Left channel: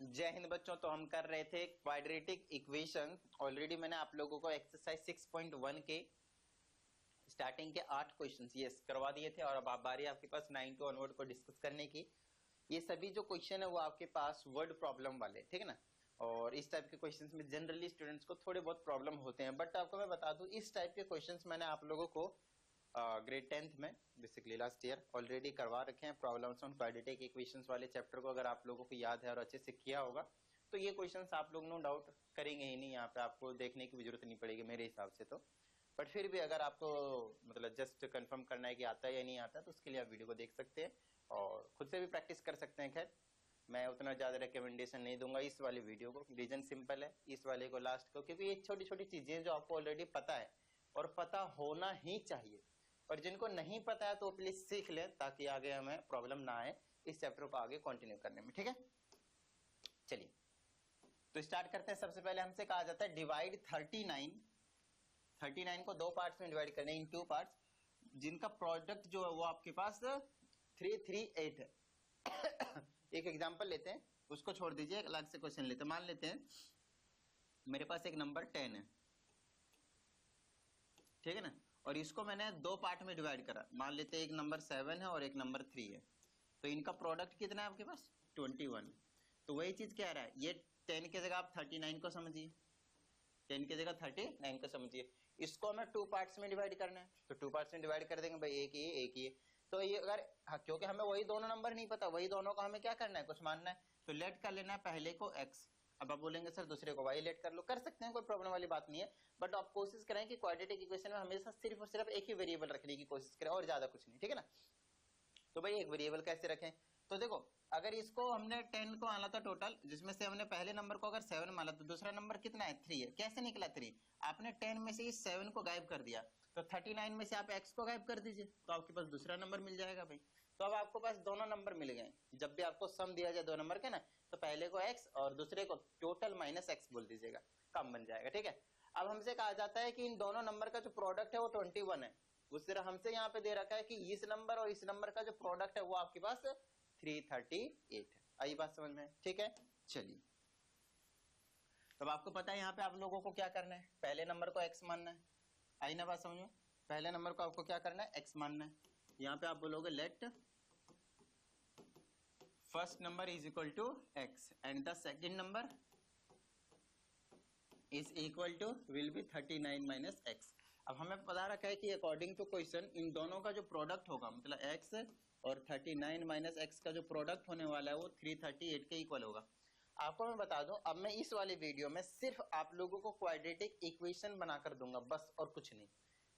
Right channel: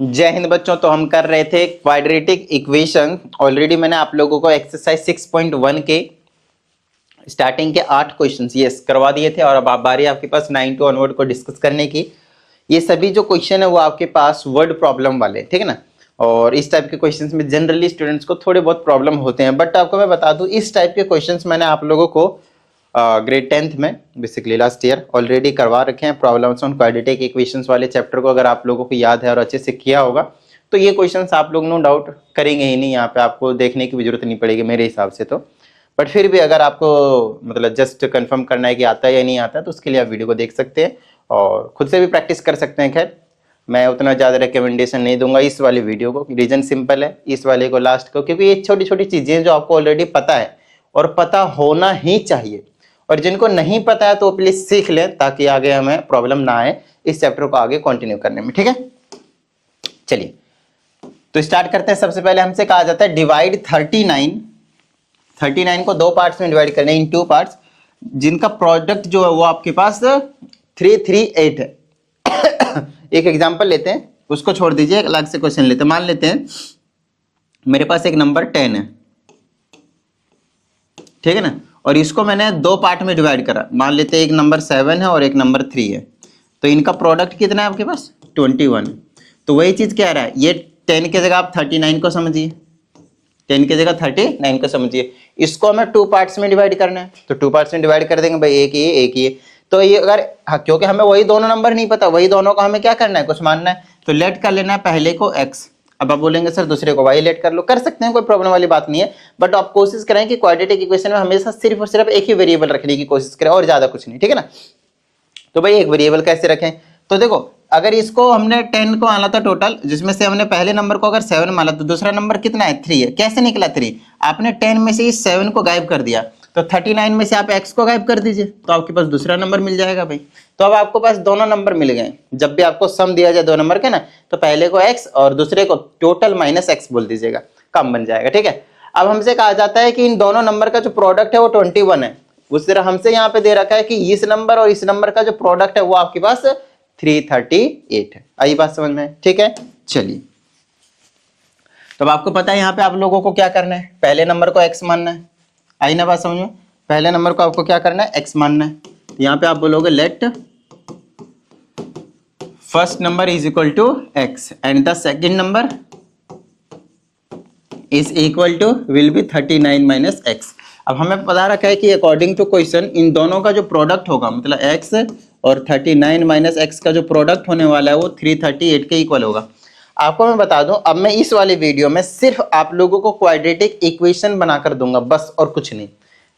जय हिंद बच्चों। तो हम कर रहे थे क्वाड्रेटिक इक्वेशन। ऑलरेडी मैंने आप लोगों को एक्सरसाइज 6.1 के स्टार्टिंग के 8 क्वेश्चंस यस करवा दिए थे और अब आप बारी आपके पास 9 टू ऑनवर्ड को डिस्कस करने की। ये सभी जो क्वेश्चन है वो आपके पास वर्ड प्रॉब्लम वाले, ठीक है ना। और इस टाइप के क्वेश्चंस में जनरली स्टूडेंट्स को थोड़े बहुत प्रॉब्लम होते हैं, बट आपको मैं बता दूं इस टाइप के क्वेश्चंस मैंने आप लोगों को ग्रेड 10th में बेसिकली लास्ट ईयर ऑलरेडी करवा रखे हैं। प्रॉब्लम्स ऑन क्वाड्रेटिक इक्वेशंस वाले चैप्टर को अगर आप लोगों को याद है और अच्छे से किया होगा तो ये क्वेश्चंस आप लोग नो डाउट करेंगे ही नहीं, यहाँ पे आपको देखने की भी जरूरत नहीं पड़ेगी मेरे हिसाब से तो। बट फिर भी अगर आपको मतलब जस्ट कंफर्म करना है कि आता है या नहीं आता है तो उसके लिए आप वीडियो को देख सकते हैं और खुद से भी प्रैक्टिस कर सकते हैं। खैर मैं उतना ज़्यादा रिकमेंडेशन नहीं दूंगा इस वाले वीडियो को, रीजन सिंपल है इस वाले को लास्ट को, क्योंकि ये छोटी छोटी चीज़ें जो आपको ऑलरेडी पता है और पता होना ही चाहिए, और जिनको नहीं पता है तो प्लीज सीख लें ताकि आगे हमें प्रॉब्लम ना आए इस चैप्टर को आगे कंटिन्यू करने में। ठीक है, चलिए तो स्टार्ट करते हैं। सबसे पहले हमसे कहा जाता है डिवाइड 39 को 2 पार्ट्स में डिवाइड करना है, इन 2 पार्ट्स जिनका प्रोडक्ट जो है वो आपके पास 338 है। एक एग्जांपल लेते हैं, उसको छोड़ दीजिए, एक अलग से क्वेश्चन लेते हैं। मान लेते हैं मेरे पास एक नंबर 10 है, ठीक है ना, और इसको मैंने 2 पार्ट में डिवाइड करा। मान लेते हैं एक नंबर 7 है और एक नंबर 3 है, तो इनका प्रोडक्ट कितना है आपके पास 21। तो वही चीज क्या रहा है, ये 10 की जगह आप 39 को समझिए, 10 की जगह 39 को समझिए। इसको हमें 2 पार्ट्स में डिवाइड करना है, तो 2 पार्ट्स में डिवाइड कर देंगे भाई, एक ये एक ये। तो ये अगर क्योंकि हमें वही दोनों नंबर नहीं पता, वही दोनों का हमें क्या करना है, कुछ मानना है, तो लेट कर लेना है पहले को x। अब आप बोलेंगे सर दूसरे को y लेट कर लो, कर सकते हैं, कोई प्रॉब्लम वाली बात नहीं है, बट आप कोशिश करें कि क्वाड्रेटिक इक्वेशन में हमेशा सिर्फ और सिर्फ एक ही वेरिएबल रखने की कोशिश करें और ज्यादा कुछ नहीं, ठीक है ना। तो भाई एक वेरिएबल कैसे रखें, तो देखो अगर इसको हमने 10 को माना था टोटल, जिसमें से हमने पहले नंबर को अगर 7 माना तो दूसरा नंबर कितना है 3 है। कैसे निकला 3, आपने 10 में से इस 7 को गायब कर दिया, तो 39 में से आप x को गायब कर दीजिए तो आपके पास दूसरा नंबर मिल जाएगा भाई। तो अब आपको पास दोनों नंबर मिल गए। जब भी आपको सम दिया जाए 2 नंबर के ना, तो पहले को x और दूसरे को टोटल माइनस x बोल दीजिएगा, काम बन जाएगा। ठीक है, अब हमसे कहा जाता है कि इन दोनों नंबर का जो प्रोडक्ट है वो 21 है। उस तरह हमसे यहाँ पे दे रखा है कि इस नंबर और इस नंबर का जो प्रोडक्ट है वो आपके पास 338 है। आई बात समझ में, ठीक है। चलिए तो अब आपको पता है यहाँ पे आप लोगों को क्या करना है, पहले नंबर को x मानना है। आई ना बात समझ में, पहले नंबर को आपको क्या करना है x मानना है। यहाँ पे आप बोलोगे let first number is equal to x and the second number is equal to will be 39 minus x। अब हमें पता रखा है कि अकॉर्डिंग टू क्वेश्चन इन दोनों का जो प्रोडक्ट होगा, मतलब x और 39 माइनस x का जो प्रोडक्ट होने वाला है वो 338 के इक्वल होगा। आपको मैं बता दूं, अब मैं इस वाले वीडियो में सिर्फ आप लोगों को क्वाड्रेटिक इक्वेशन बनाकर दूंगा बस, और कुछ नहीं,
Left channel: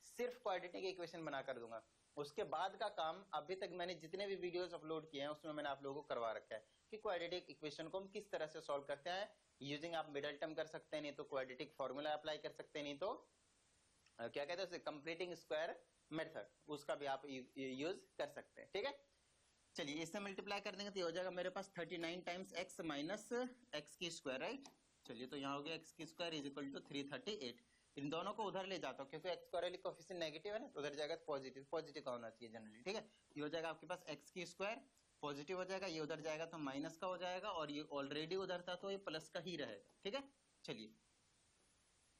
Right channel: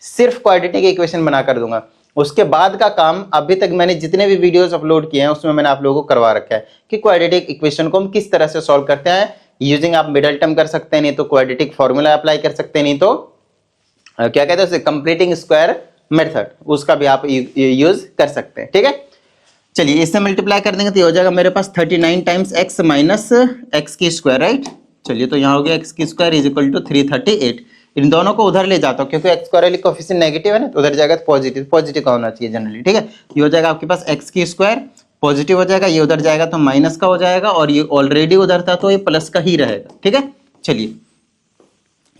सिर्फ क्वाड्रेटिक इक्वेशन बनाकर दूंगा। उसके बाद का काम अभी तक मैंने जितने भी वीडियोस अपलोड किए हैं उसमें मैंने आप लोगों को करवा रखा है कि क्वाड्रेटिक इक्वेशन को हम किस तरह से सॉल्व करते हैं। यूजिंग आप मिडल टर्म कर सकते हैं, नहीं तो क्वाड्रेटिक फॉर्मूला अप्लाई कर सकते हैं, नहीं तो क्या कहते हैं उसे कंप्लीटिंग स्क्वायर मेथड, उसका भी आप यूज कर सकते हैं। ठीक है, चलिए इससे मल्टीप्लाई कर देंगे तो ये हो जाएगा मेरे पास 39 टाइम्स x माइनस एक्स की स्क्वायर, राइट। चलिए तो यहाँ हो गया एक्स की स्क्वायर इज इक्वल टू 338। इन दोनों को उधर ले जाता हूँ क्योंकि एक्स स्क्वायर वाली कोएफिशिएंट नेगेटिव है ना, तो उधर जाएगा तो पॉजिटिव, पॉजिटिव का होना चाहिए जनरली। ठीक है, ये हो जाएगा आपके पास एक्स की स्क्वायर पॉजिटिव हो जाएगा, ये उधर जाएगा तो माइनस का हो जाएगा, और ये ऑलरेडी उधर था तो ये प्लस का ही रहेगा। ठीक है, चलिए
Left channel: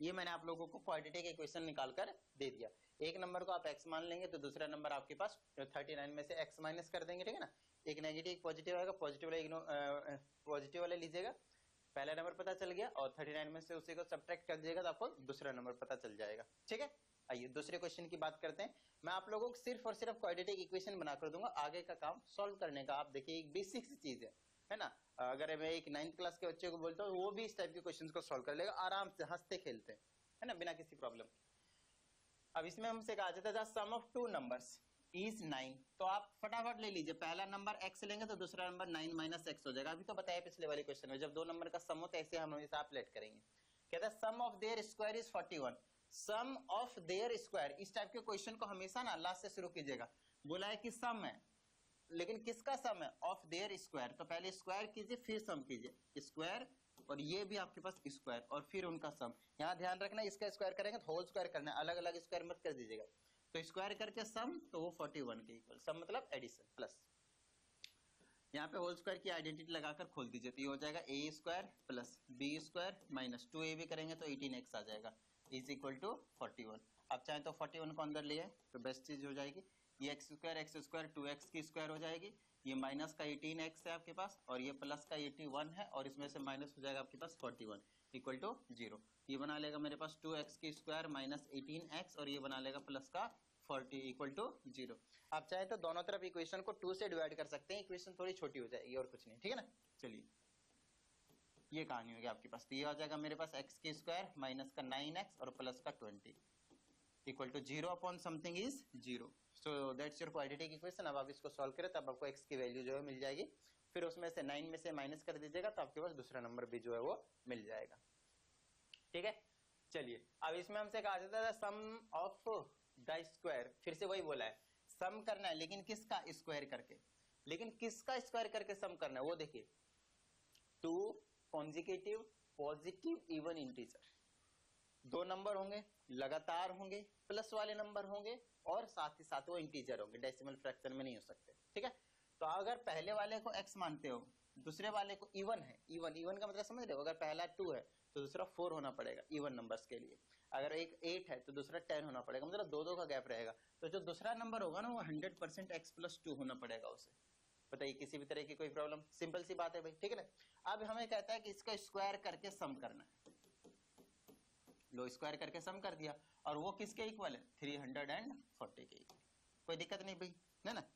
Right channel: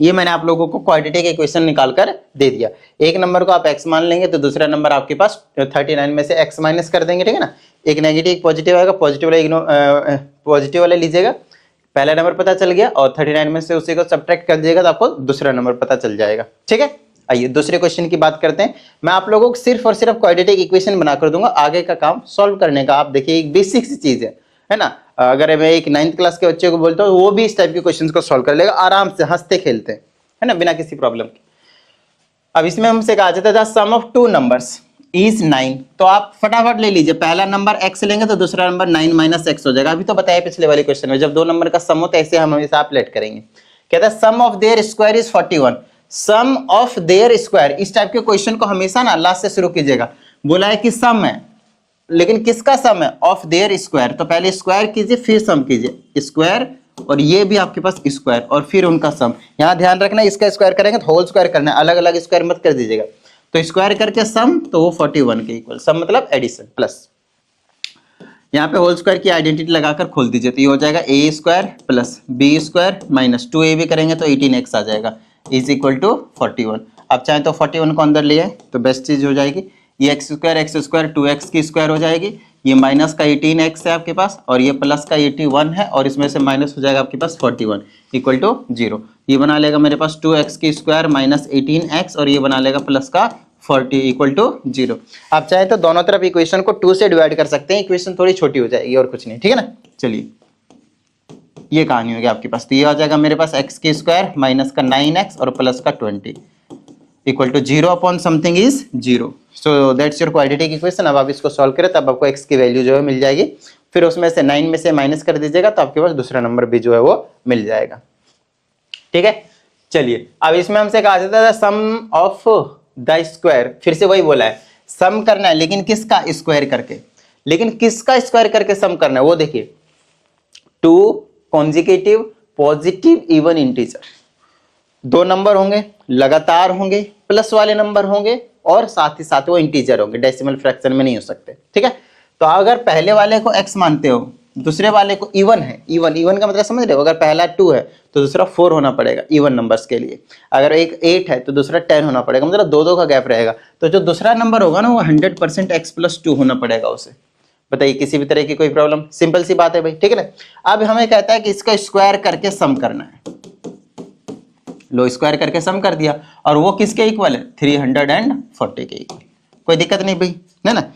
ये मैंने आप लोगों को क्वाड्रेटिक इक्वेशन निकाल कर दे दिया। एक नंबर को आप x मान लेंगे तो दूसरा नंबर आपके पास 39 में से x माइनस कर देंगे, ठीक है ना। एक नेगेटिव एक पॉजिटिव आएगा, पॉजिटिव वाले लीजिएगा, पहला नंबर पता चल गया, और 39 में से उसी को सब्ट्रैक्ट कर दीजिएगा तो आपको दूसरा नंबर पता चल जाएगा। ठीक है, आइए दूसरे क्वेश्चन की बात करते हैं। मैं आप लोगों को सिर्फ और सिर्फ क्वाड्रेटिक इक्वेशन बनाकर दूंगा, आगे का काम सॉल्व करने का आप देखिए एक बेसिक सी चीज है ना। अगर मैं एक 9th क्लास के बच्चे को बोलता हूँ वो भी इस टाइप के क्वेश्चंस को सॉल्व कर लेगा आराम से, हंसते खेलते, है ना, बिना किसी प्रॉब्लम के। अब इसमें हमसे कहा जाता है the sum of 2 numbers is 9, तो आप फटाफट ले लीजिए, पहला नंबर x लेंगे तो दूसरा नंबर 9 माइनस x हो जाएगा। अभी तो बताया पिछले वाले क्वेश्चन में, जब 2 नंबर का सम होता है ऐसे हम हमेशा आप लेट करेंगे। कहता है sum of their square is 41, sum of their square, इस टाइप के क्वेश्चन को हमेशा ना लास्ट से शुरू कीजिएगा। बोला है कि सम है, लेकिन किसका सम है, ऑफ देयर स्क्वायर, तो पहले स्क्वायर कीजिए फिर सम कीजिए, स्क्वायर और ये भी आपके पास स्क्वायर और फिर उनका सम। यहाँ ध्यान रखना इसका स्क्वायर करेंगे तो होल स्क्वायर करना है, अलग अलग स्क्वायर मत कर दीजिएगा। तो स्क्वायर करके सम तो वो 41 के इक्वल, सम मतलब एडिशन प्लस। यहाँ पे होल स्क्वायर की आइडेंटिटी लगाकर खोल दीजिए, तो ये हो जाएगा A square plus B square minus 2ab करेंगे तो 18x आ जाएगा इज इक्वल टू 41। आप चाहें तो 41 को अंदर ले आए तो बेस्ट चीज हो जाएगी। ये एक्स स्क्वायर 2x की स्क्वायर हो जाएगी, ये माइनस का 18x है आपके पास और ये प्लस का 81 है और इसमें से माइनस हो जाएगा आपके पास 41 इक्वल टू 0। ये बना लेगा मेरे पास 2x की स्क्वायर माइनस 18x और ये बना लेगा प्लस का 40 इक्वल टू 0। आप चाहे तो दोनों तरफ इक्वेशन को 2 से डिवाइड कर सकते हैं, इक्वेशन थोड़ी छोटी हो जाएगी और कुछ नहीं, ठीक है ना। चलिए ये कहानी होगी आपके पास, तो ये आ जाएगा मेरे पास x की स्क्वायर माइनस का 9x और प्लस का 20 equal to 0 upon something is 0। So that's your quadratic equation. अब आप इसको सॉल्व करें तब आपको x की वैल्यू जो है मिल जाएगी, फिर उसमें से 9 में से माइनस कर दीजिएगा तो आपके पास दूसरा नंबर भी जो है वो मिल जाएगा, ठीक है। चलिए अब इसमें हमसे कहा जाता है सम ऑफ द स्क्वायर, फिर से वही बोला है सम करना है लेकिन किसका स्क्वायर करके, लेकिन किसका स्क्वायर करके सम करना है वो देखिए, 2 consecutive positive even integer, 2 number होंगे लगातार होंगे, प्लस वाले नंबर होंगे और साथ ही साथ वो इंटीजर होंगे, डेसिमल फ्रैक्शन में नहीं हो सकते, ठीक है। तो अगर पहले वाले को x मानते हो, दूसरे वाले को इवन है, इवन का मतलब समझ रहे हो, अगर पहला 2 है तो दूसरा 4 होना पड़ेगा इवन नंबर्स के लिए, अगर एक 8 है तो दूसरा 10 होना पड़ेगा, मतलब 2 का गैप रहेगा, तो जो दूसरा नंबर होगा ना वो 100% x+2 होना पड़ेगा उसे। बताइए किसी भी तरह की कोई प्रॉब्लम, सिंपल सी बात है भाई, ठीक है ना। अब हमें कहता है कि इसका स्क्वायर करके सम करना है, लो स्क्वायर करके सम कर दिया और वो किसके इक्वल है 340 के इक्वल, कोई दिक्कत नहीं भाई, है ना।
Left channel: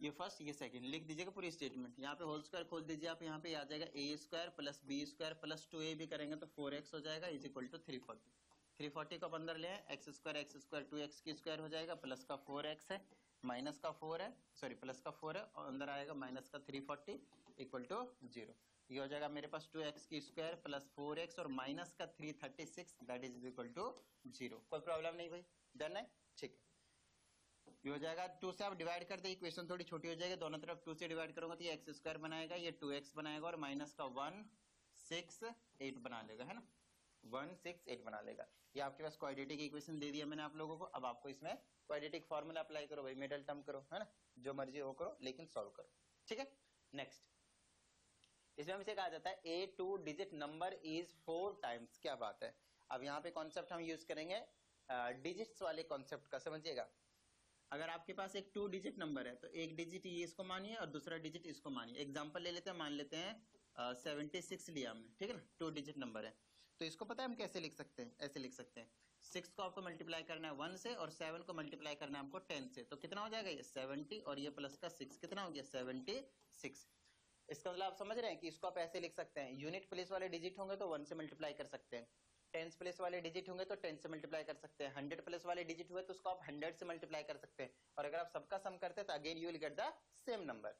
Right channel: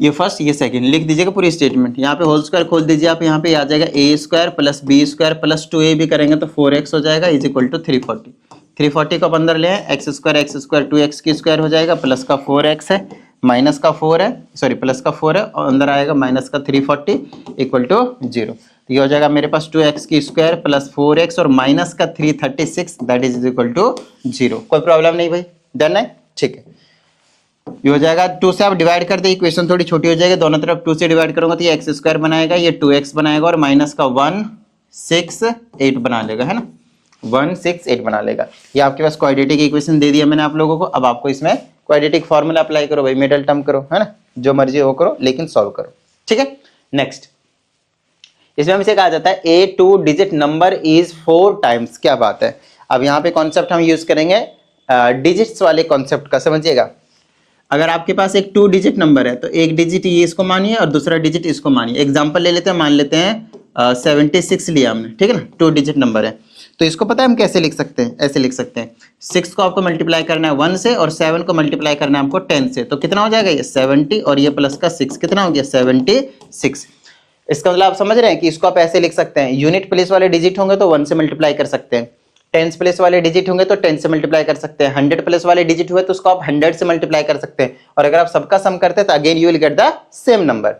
ये फर्स्ट ये सेकंड लिख दीजिएगा पूरी स्टेटमेंट, यहाँ पे होल स्क्वायर खोल दीजिए आप, यहाँ पे आ जाएगा A square plus B square plus 2a भी करेंगे तो 4x हो जाएगा इज इक्वल टू 340 को अंदर ले आए, एक्स स्क्वायर 2x की स्क्वायर हो जाएगा, प्लस का 4x है माइनस का 4 है, सॉरी प्लस का 4 है और अंदर आएगा माइनस का 340 इक्वल टू 0। ये हो जाएगा मेरे पास 2x की स्क्वायर प्लस 4x और माइनस का 336 दैट इज इक्वल टू 0। कोई प्रॉब्लम नहीं भाई, डन है, ठीक है। ये हो जाएगा 2 से आप डिवाइड कर दे, इक्वेशन थोड़ी छोटी हो जाएगी, दोनों तरफ 2 से डिवाइड करूंगा तो ये एक्स स्क्वायर बनाएगा, ये 2x बनाएगा और माइनस का 168 बना लेगा, है ना, 168 बना लेगा। ये आपके पास क्वाड्रेटिक इक्वेशन दे दिया मैंने आप लोगों को। अब आपको इसमें क्वाड्रेटिक फॉर्मूला अप्लाई करो भाई, मिडल टर्म करो, है ना, जो मर्जी हो करो लेकिन सॉल्व करो, ठीक है। नेक्स्ट इसमें हमसे कहा जाता है ए 2 डिजिट नंबर इज 4 टाइम्स, क्या बात है। अब यहाँ पे कॉन्सेप्ट हम यूज करेंगे डिजिट्स वाले कॉन्सेप्ट का, समझिएगा। अगर आपके पास एक 2 डिजिट नंबर है तो एक डिजिट ये इसको मानिए और दूसरा डिजिट इसको मानिए। एग्जांपल ले लेते हैं, मान लेते हैं 76 लिया हमने, ठीक है ना, 2 डिजिट नंबर है तो इसको पता है हम कैसे लिख सकते हैं, ऐसे लिख सकते हैं, 6 को आपको मल्टीप्लाई करना है 1 से और 7 को मल्टीप्लाई करना है आपको 10 से, तो कितना हो जाएगा ये 70 और ये प्लस का 6 कितना हो गया 76। इसका मतलब आप समझ रहे हैं कि इसको आप ऐसे लिख सकते हैं, यूनिट प्लेस वाले डिजिट होंगे तो 1 से मल्टीप्लाई कर सकते हैं, टेंस प्लेस वाले डिजिट होंगे तो 10 से मल्टीप्लाई कर सकते हैं, 100 प्लेस वाले डिजिट हुए तो उसको आप 100 से मल्टीप्लाई कर सकते हैं, और अगर आप सबका सम करते हैं तो again you will get the same number.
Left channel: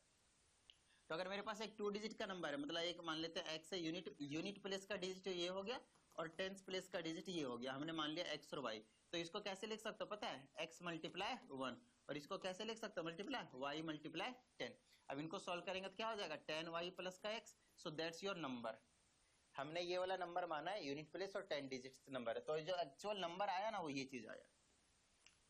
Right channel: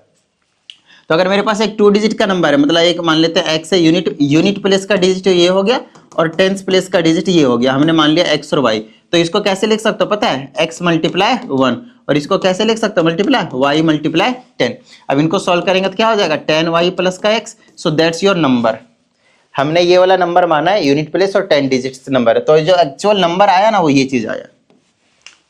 तो अगर मेरे पास एक 2 डिजिट का नंबर है, मतलब एक मान लेते हैं x है, यूनिट प्लेस का डिजिट ये हो गया और टेंस प्लेस का डिजिट ये हो गया, हमने मान लिया x और y, तो इसको कैसे लिख सकते हो पता है, x मल्टीप्लाई 1 और इसको कैसे लिख सकते हो मल्टीप्लाई y मल्टीप्लाई 10। अब इनको सॉल्व करेंगे तो क्या हो जाएगा 10y प्लस का x, so that's your number. हमने ये वाला नंबर माना है यूनिट प्लेस और 10 डिजिट्स नंबर है, तो जो एक्चुअल नंबर आया ना वो ये चीज आया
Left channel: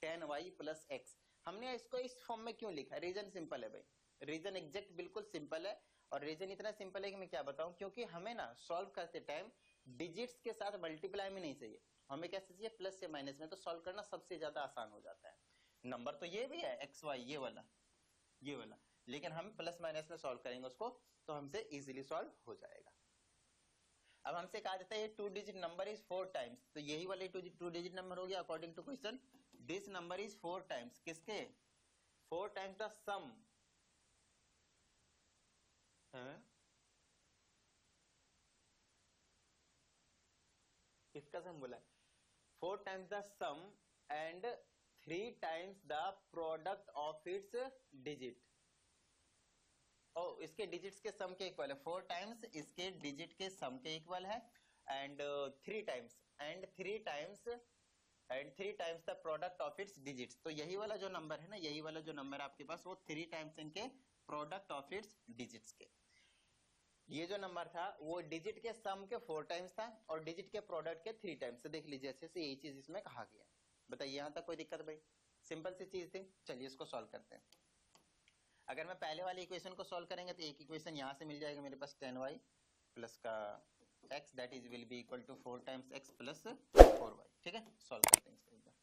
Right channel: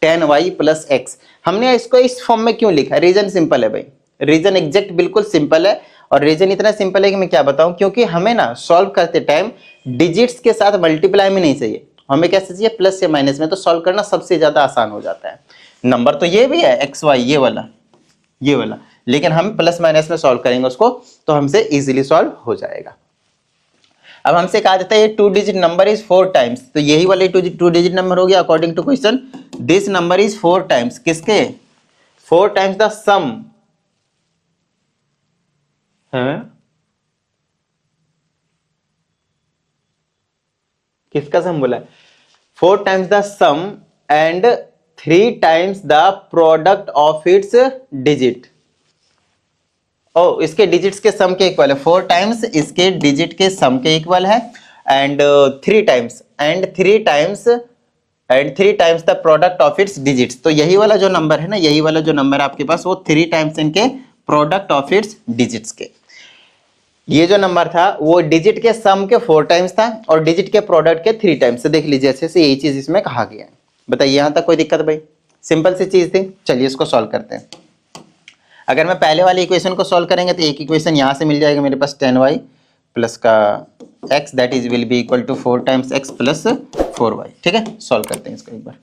10y प्लस x। हमने इसको इस फॉर्म में क्यों लिखा, रीजन सिंपल है भाई, रीजन एग्जैक्ट बिल्कुल सिंपल है, और रीजन इतना सिंपल है कि मैं क्या बताऊं, क्योंकि हमें ना सॉल्व करते टाइम डिजिट्स के साथ मल्टीप्लाई में नहीं चाहिए, हमें कैसे चाहिए प्लस या माइनस में, तो सॉल्व करना सबसे ज्यादा आसान हो जाता है। नंबर तो ये भी है एक्स वाई ये वाला, लेकिन हम प्लस माइनस में सॉल्व करेंगे उसको तो हमसे इजीली सॉल्व हो जाएगा। अब हमसे कहा जाता है ये 2 डिजिट नंबर इज 4 टाइम्स, तो यही वाले 2 डिजिट नंबर हो गया according to question, this number is 4 times, किसके 4 टाइम्स द सम है, किसका सम बोला है 4 times the sum and 3 times the product of its digit. ओ इसके डिजिट्स के सम के इक्वल है, 4 टाइम्स इसके डिजिट के सम के इक्वल है and 3 times the product of it's digits. तो यही वाला जो नंबर है ना, यही वाला जो नंबर आपके पास वो 3 टाइम्स इनके प्रोडक्ट ऑफ इट्स डिजिट्स के, ये जो नंबर था वो डिजिट के सम के 4 टाइम्स था और डिजिट के प्रोडक्ट के 3 टाइम्स। देख लीजिए अच्छे से यही चीज इसमें कहा गया है। बताइए यहां तक कोई दिक्कत भाई, सिंपल सी चीज थी। चलिए इसको सॉल्व करते हैं। अगर मैं पहले वाली इक्वेशन को सॉल्व करेंगे तो एक इक्वेशन यहाँ से मिल जाएगा मेरे पास 10y प्लस का x that is will be equal to 4 times x plus 4y। ठीक है, सॉल्व करते हैं इसको एक बार।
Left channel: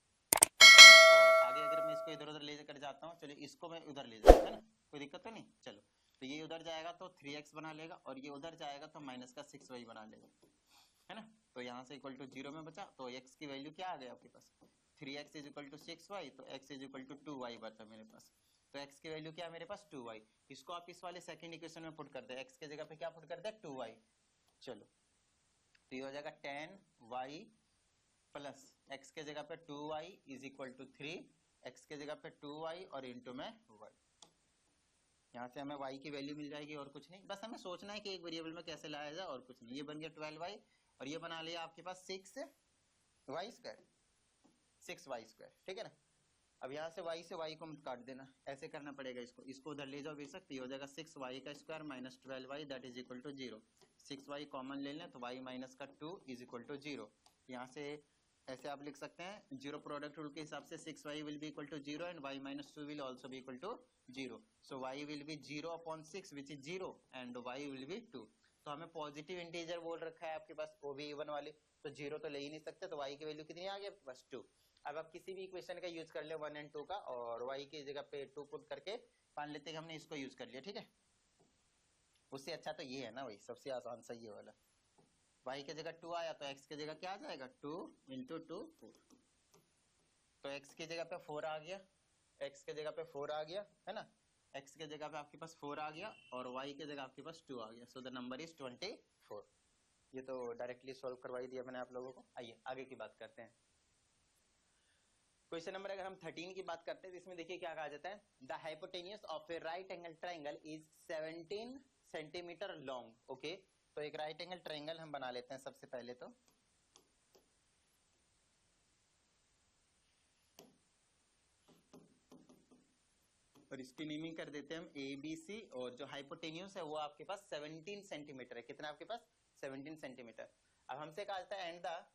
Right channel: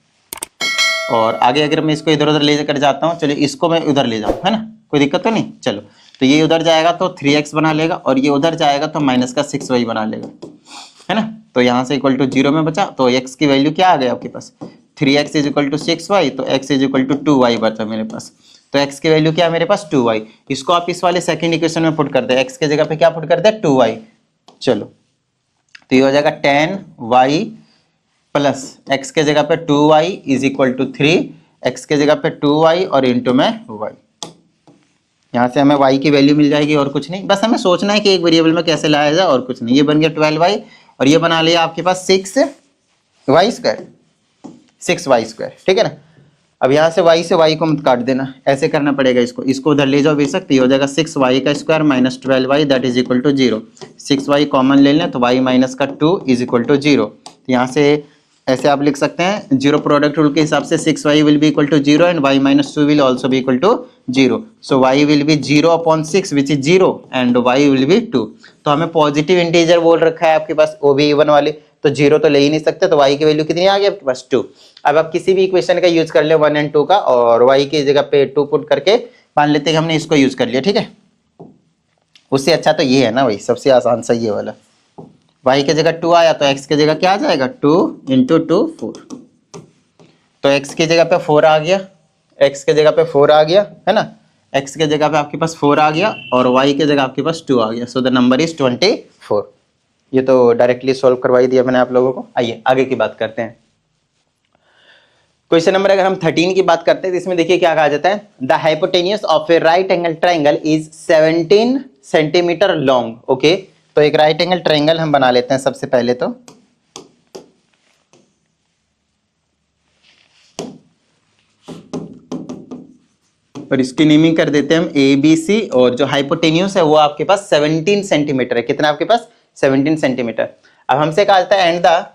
और आगे अगर मैं इसको इधर उधर ले कर जाता हूँ, चलिए इसको मैं उधर ले जाऊँ, है ना, कोई दिक्कत तो नहीं। चलो तो ये उधर जाएगा तो 3x बना लेगा और ये उधर जाएगा तो माइनस का 6y बना लेगा, है ना। तो यहाँ से इक्वल टू 0 में बचा, तो x की वैल्यू क्या आ गई आपके पास 3x is equal to 6y, तो x is equal to 2y बचा मेरे पास। तो x की वैल्यू क्या है मेरे पास 2y। इसको आप इस वाले सेकंड इक्वेशन में पुट कर दे, x के जगह पे क्या पुट कर दे 2y। चलो तो ये हो जाएगा 10y प्लस x के जगह पे 2y is equal to 3, x के जगह पे 2y और इंटू में y। यहाँ से हमें y की वैल्यू मिल जाएगी और कुछ नहीं, बस हमें सोचना है कि एक वेरिएबल में कैसे लाया जाए और कुछ नहीं। ये बन गया 12y और ये बना लिया आपके पास 6y स्क्वायर, 6y स्क्वायर। ठीक है ना। अब यहाँ से y को मत काट देना, ऐसे करना पड़ेगा, इसको उधर ले जाओ बेशक, तो ये हो जाएगा 6y का square minus 12y that is equal to 0। 6y common ले लें तो y माइनस का 2 इज इक्वल टू 0। तो यहाँ से ऐसे आप लिख सकते हैं, जीरो प्रोडक्ट रूल के हिसाब से 6y will be equal to 0 and y minus 2 will also be equal to 0। So y will be 0 upon 6 which is 0 and y will be 2। तो हमें पॉजिटिव इंटीजर बोल रखा है आपके पास, वो भी इवन वाले, तो 0 तो ले ही नहीं सकते, तो y की वैल्यू कितनी आ गई आपके पास 2। अब आप किसी भी इक्वेशन का यूज कर ले 1 एंड 2 का, और y की जगह पे 2 पुट करके मान लेते हैं कि हमने इसको यूज कर लिया। ठीक है, उससे अच्छा तो ये है ना भाई, सबसे आसान सा ये वाला। y की जगह 2 आया तो x की जगह क्या आ जाएगा 2 इंटू 2 4। तो x की जगह पे 4 आ गया, x की जगह पे 4 आ गया, है ना, x की जगह पे आपके पास 4 आ गया और y की जगह आपके पास 2 आ गया। So the number is 24। ये तो डायरेक्टली सॉल्व करवा ही दिया मैंने आप लोगों को। आइए आगे की बात करते हैं। क्वेश्चन नंबर अगर हम 13 की बात करते हैं तो इसमें देखिए क्या कहा जाता है, the hypotenuse of A right angle triangle is 17 centimetre long. Okay, तो एक राइट एंगल ट्राइंगल हम बना लेते हैं सबसे पहले तो। और इसकी नेमिंग कर देते हैं हम ABC, और जो हाइपोटेन्यूज है वो आपके पास 17 सेंटीमीटर है। कितना आपके पास 17 सेंटीमीटर। अब हमसे कहा जाता है and the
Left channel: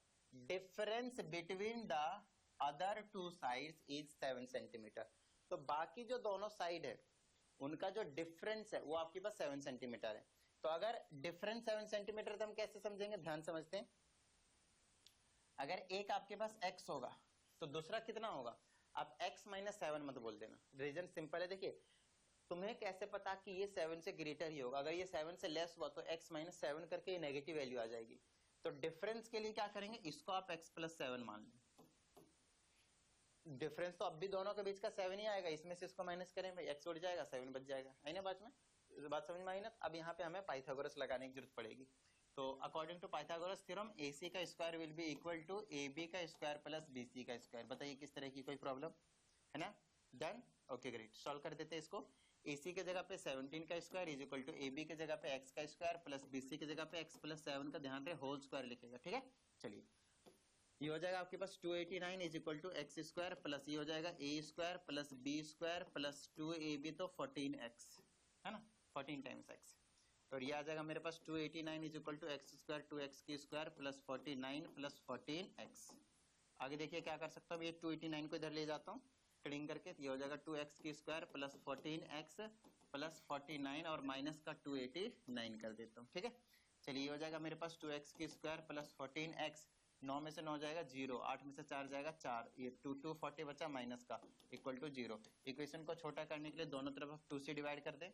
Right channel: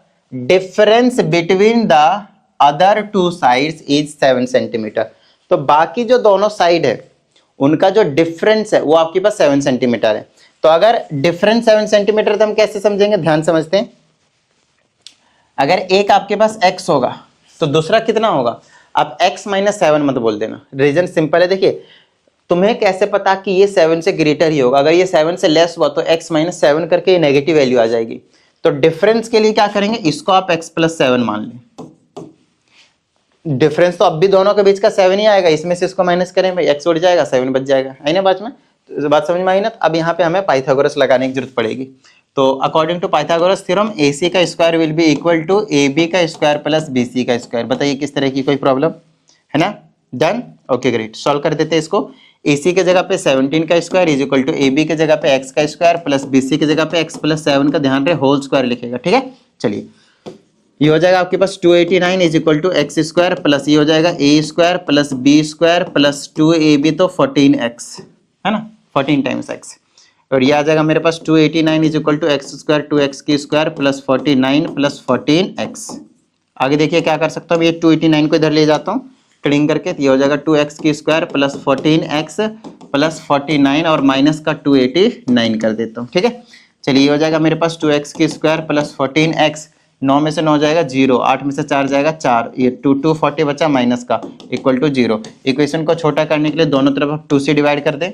difference between the other two sides is 7 centimetre. तो बाकी जो दोनों साइड है उनका जो डिफरेंस है वो आपके पास 7 सेंटीमीटर है। तो अगर डिफरेंस 7 सेंटीमीटर तो हम कैसे समझेंगे, ध्यान समझते हैं। अगर एक आपके पास x होगा तो दूसरा कितना होगा, आप x माइनस 7 मत बोल देना, रीजन सिंपल है। देखिए तुम्हें कैसे पता कि ये 7 से ग्रेटर ही होगा, अगर ये 7 से लेस हुआ तो x माइनस 7 करके ये नेगेटिव वैल्यू आ जाएगी। तो डिफरेंस के लिए क्या करेंगे, इसको आप x प्लस 7 मान लें। डिफरेंस तो अब भी दोनों के बीच का 7 ही आएगा, इसमें से इसको माइनस करें भाई, x उड़ जाएगा 7 बच जाएगा, है ना बात में, तो बात समझ में आई ना। अब यहाँ पे हमें पाइथागोरस लगाने की जरूरत पड़ेगी। तो according to Pythagoras theorem AC का स्क्वायर will be equal to AB का स्क्वायर प्लस BC का स्क्वायर। बताइए किस तरह की कोई प्रॉब्लम है ना। डन, ओके ग्रेट, सॉल्व कर देते हैं इसको। AC के जगह पे 17 का square is equal to AB के जगह पे x का स्क्वायर प्लस BC के जगह पे x प्लस 7 का, ध्यान रहे होल स्क्वायर लिखेगा। ठीक है, चलिए ये हो जाएगा आपके पास 289 is equal to x square plus ये हो जाएगा a square plus b square plus 2ab, तो 14x है ना, 14 टाइम्स x। और ये आ जाएगा मेरे पास 289 is equal to x square 2x की स्क्वायर प्लस 49 प्लस 14x। आगे देखिए क्या कर सकता हूँ, ये 289 को इधर ले जाता हूँ कटिंग करके, तो ये हो जाएगा 2x की स्क्वायर प्लस 14x प्लस 49 और माइनस का 289 कर देता हूँ। ठीक है, चलिए ये हो जाएगा मेरे पास 2x की स्क्वायर प्लस 14x, 9 में से 9 जाएगा 0, 8 में से 4 जाएगा 4, ये 240 बचा माइनस का इक्वल टू 0। इक्वेशन को छोटा करने के लिए दोनों तरफ आप 2 से डिवाइड कर दें,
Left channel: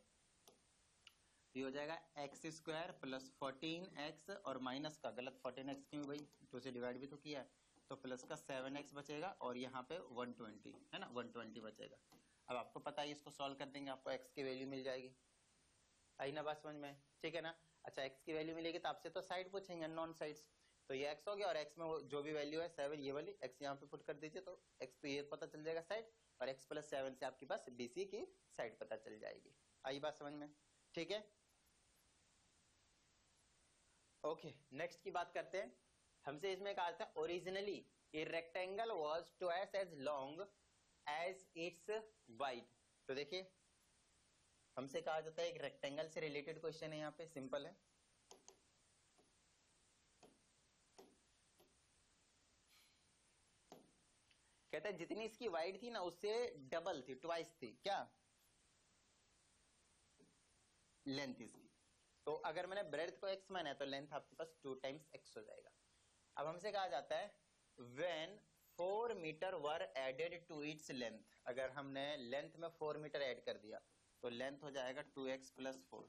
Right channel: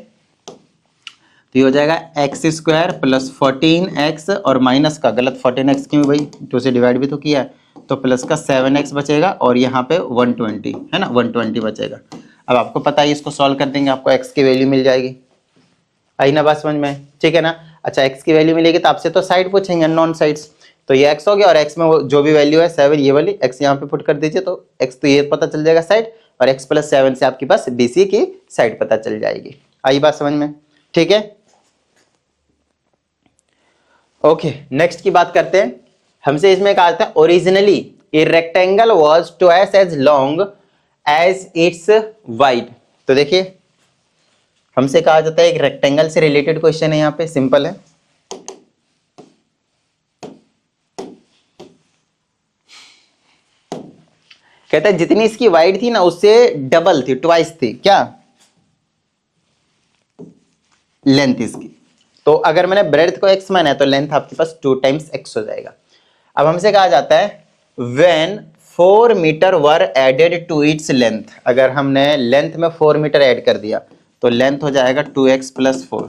तो ये हो जाएगा एक्स स्क्वायर प्लस 14x और माइनस का, गलत 14x क्यों भाई, 2 से डिवाइड भी तो किया है, तो प्लस का 7x बचेगा और यहाँ पे 120 है ना, 120 बचेगा। अब आपको पता है इसको सॉल्व कर देंगे आपको x की वैल्यू मिल जाएगी। आई ना बात समझ में, ठीक है ना। अच्छा x की वैल्यू मिलेगी तो आपसे तो साइड पूछेंगे, नॉन साइड्स, तो ये x हो गया और x में वो जो भी वैल्यू है 7 ये वाली x यहाँ पे पुट कर दीजिए, तो x तो ये पता चल जाएगा साइड, और x प्लस 7 से आपके पास BC की साइड पता चल जाएगी। आई बात समझ में, ठीक है। ओके, नेक्स्ट की बात करते हैं। हमसे इसमें कहा था originally a rectangle was twice as long as its wide. तो देखिए हमसे कहा जाता है एक रेक्टेंगल से रिलेटेड क्वेश्चन है, यहाँ पे सिंपल है। कहता है जितनी इसकी वाइड थी ना उससे डबल थी, ट्वाइस थी, क्या लेंथ इसकी। तो अगर मैंने ब्रेड्थ को x माना है तो लेंथ आपके पास 2 टाइम्स x हो जाएगा। अब हमसे कहा जाता है when 4 metre were added to its length, अगर हमने लेंथ में 4 मीटर ऐड कर दिया तो लेंथ हो जाएगा 2x + 4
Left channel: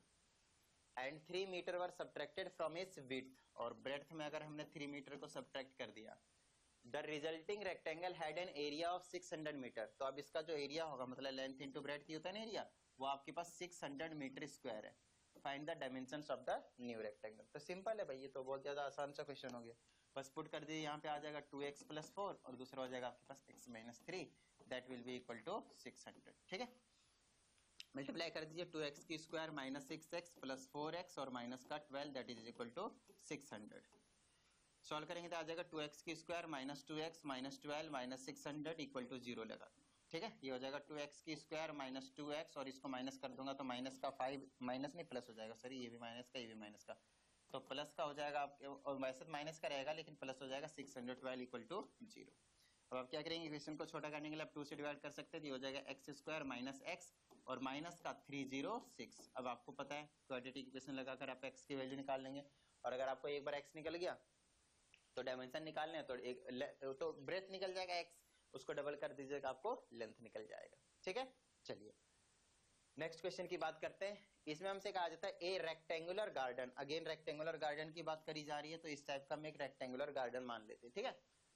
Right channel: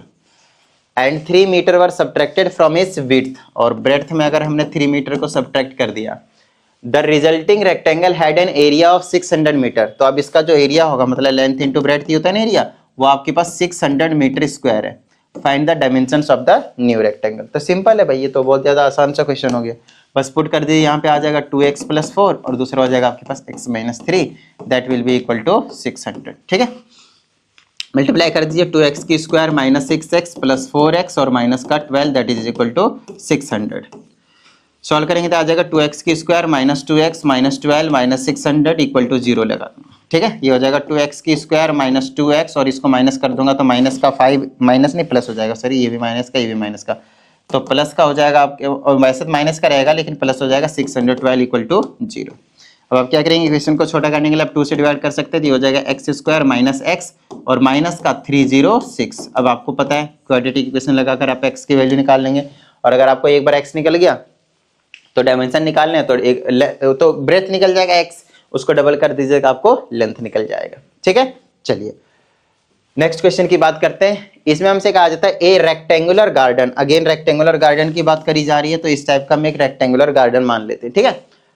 and 3 metre were subtracted from its width, और ब्रेड्थ में अगर हमने 3 मीटर को सब्ट्रैक्ट कर दिया, the resulting rectangle had an area of 600 metre. तो अब इसका जो एरिया होगा मतलब लेंथ इंटू ब्रेड्थ ही होता है ना एरिया, वो आपके पास 600 मीटर स्क्वायर है। Find the dimensions of the new rectangle. तो सिंपल है भाई, ये तो बहुत ज्यादा आसान सा क्वेश्चन हो गया। बस पुट कर दीजिए, यहाँ पे आ जाएगा 2x + 4 और दूसरा हो जाएगा आपके पास x - 3 that will be equal to 600। ठीक है, मल्टीप्लाई कर दीजिए 2x की स्क्वायर -6x + 4x और माइनस का 12 that is equal to 600। Solve करेंगे तो आ जाएगा 2x की स्क्वायर -2x -12 -600 इक्वल टू 0 लगा दूंगा। ठीक है, ये हो जाएगा 2x की स्क्वायर -2x और इसको माइनस कर दूंगा तो माइनस का 5 माइनस नहीं प्लस हो जाएगा, सॉरी ये भी माइनस का ये भी माइनस का, तो प्लस का हो जाएगा आपके, और वैसे तो माइनस का रहेगा लेकिन प्लस हो जाएगा 612 इक्वल टू 0। अब आप क्या करेंगे, इक्वेशन को छोटा करने के लिए आप 2 से डिवाइड कर सकते हैं, तो ये हो जाएगा x² - x और माइनस का 306। अब आपको पता है क्वाड्रेटिक इक्वेशन लगाकर आप x की वैल्यू निकाल लेंगे, और अगर आपको एक बार x निकल गया तो डायमेंशन निकालने हैं तो ब्रेथ निकल जाएगा x, उसको डबल कर दीजिएगा आपको लेंथ निकल जाएगा। ठीक है, चलिए नेक्स्ट क्वेश्चन की बात करते हैं। इसमें हमसे कहा जाता है ए rectangular garden, again rectangular garden की बात करी जा रही है तो इस टाइप का हम एक रेक्टेंगुलर गार्डन मान लेते हैं। ठीक है,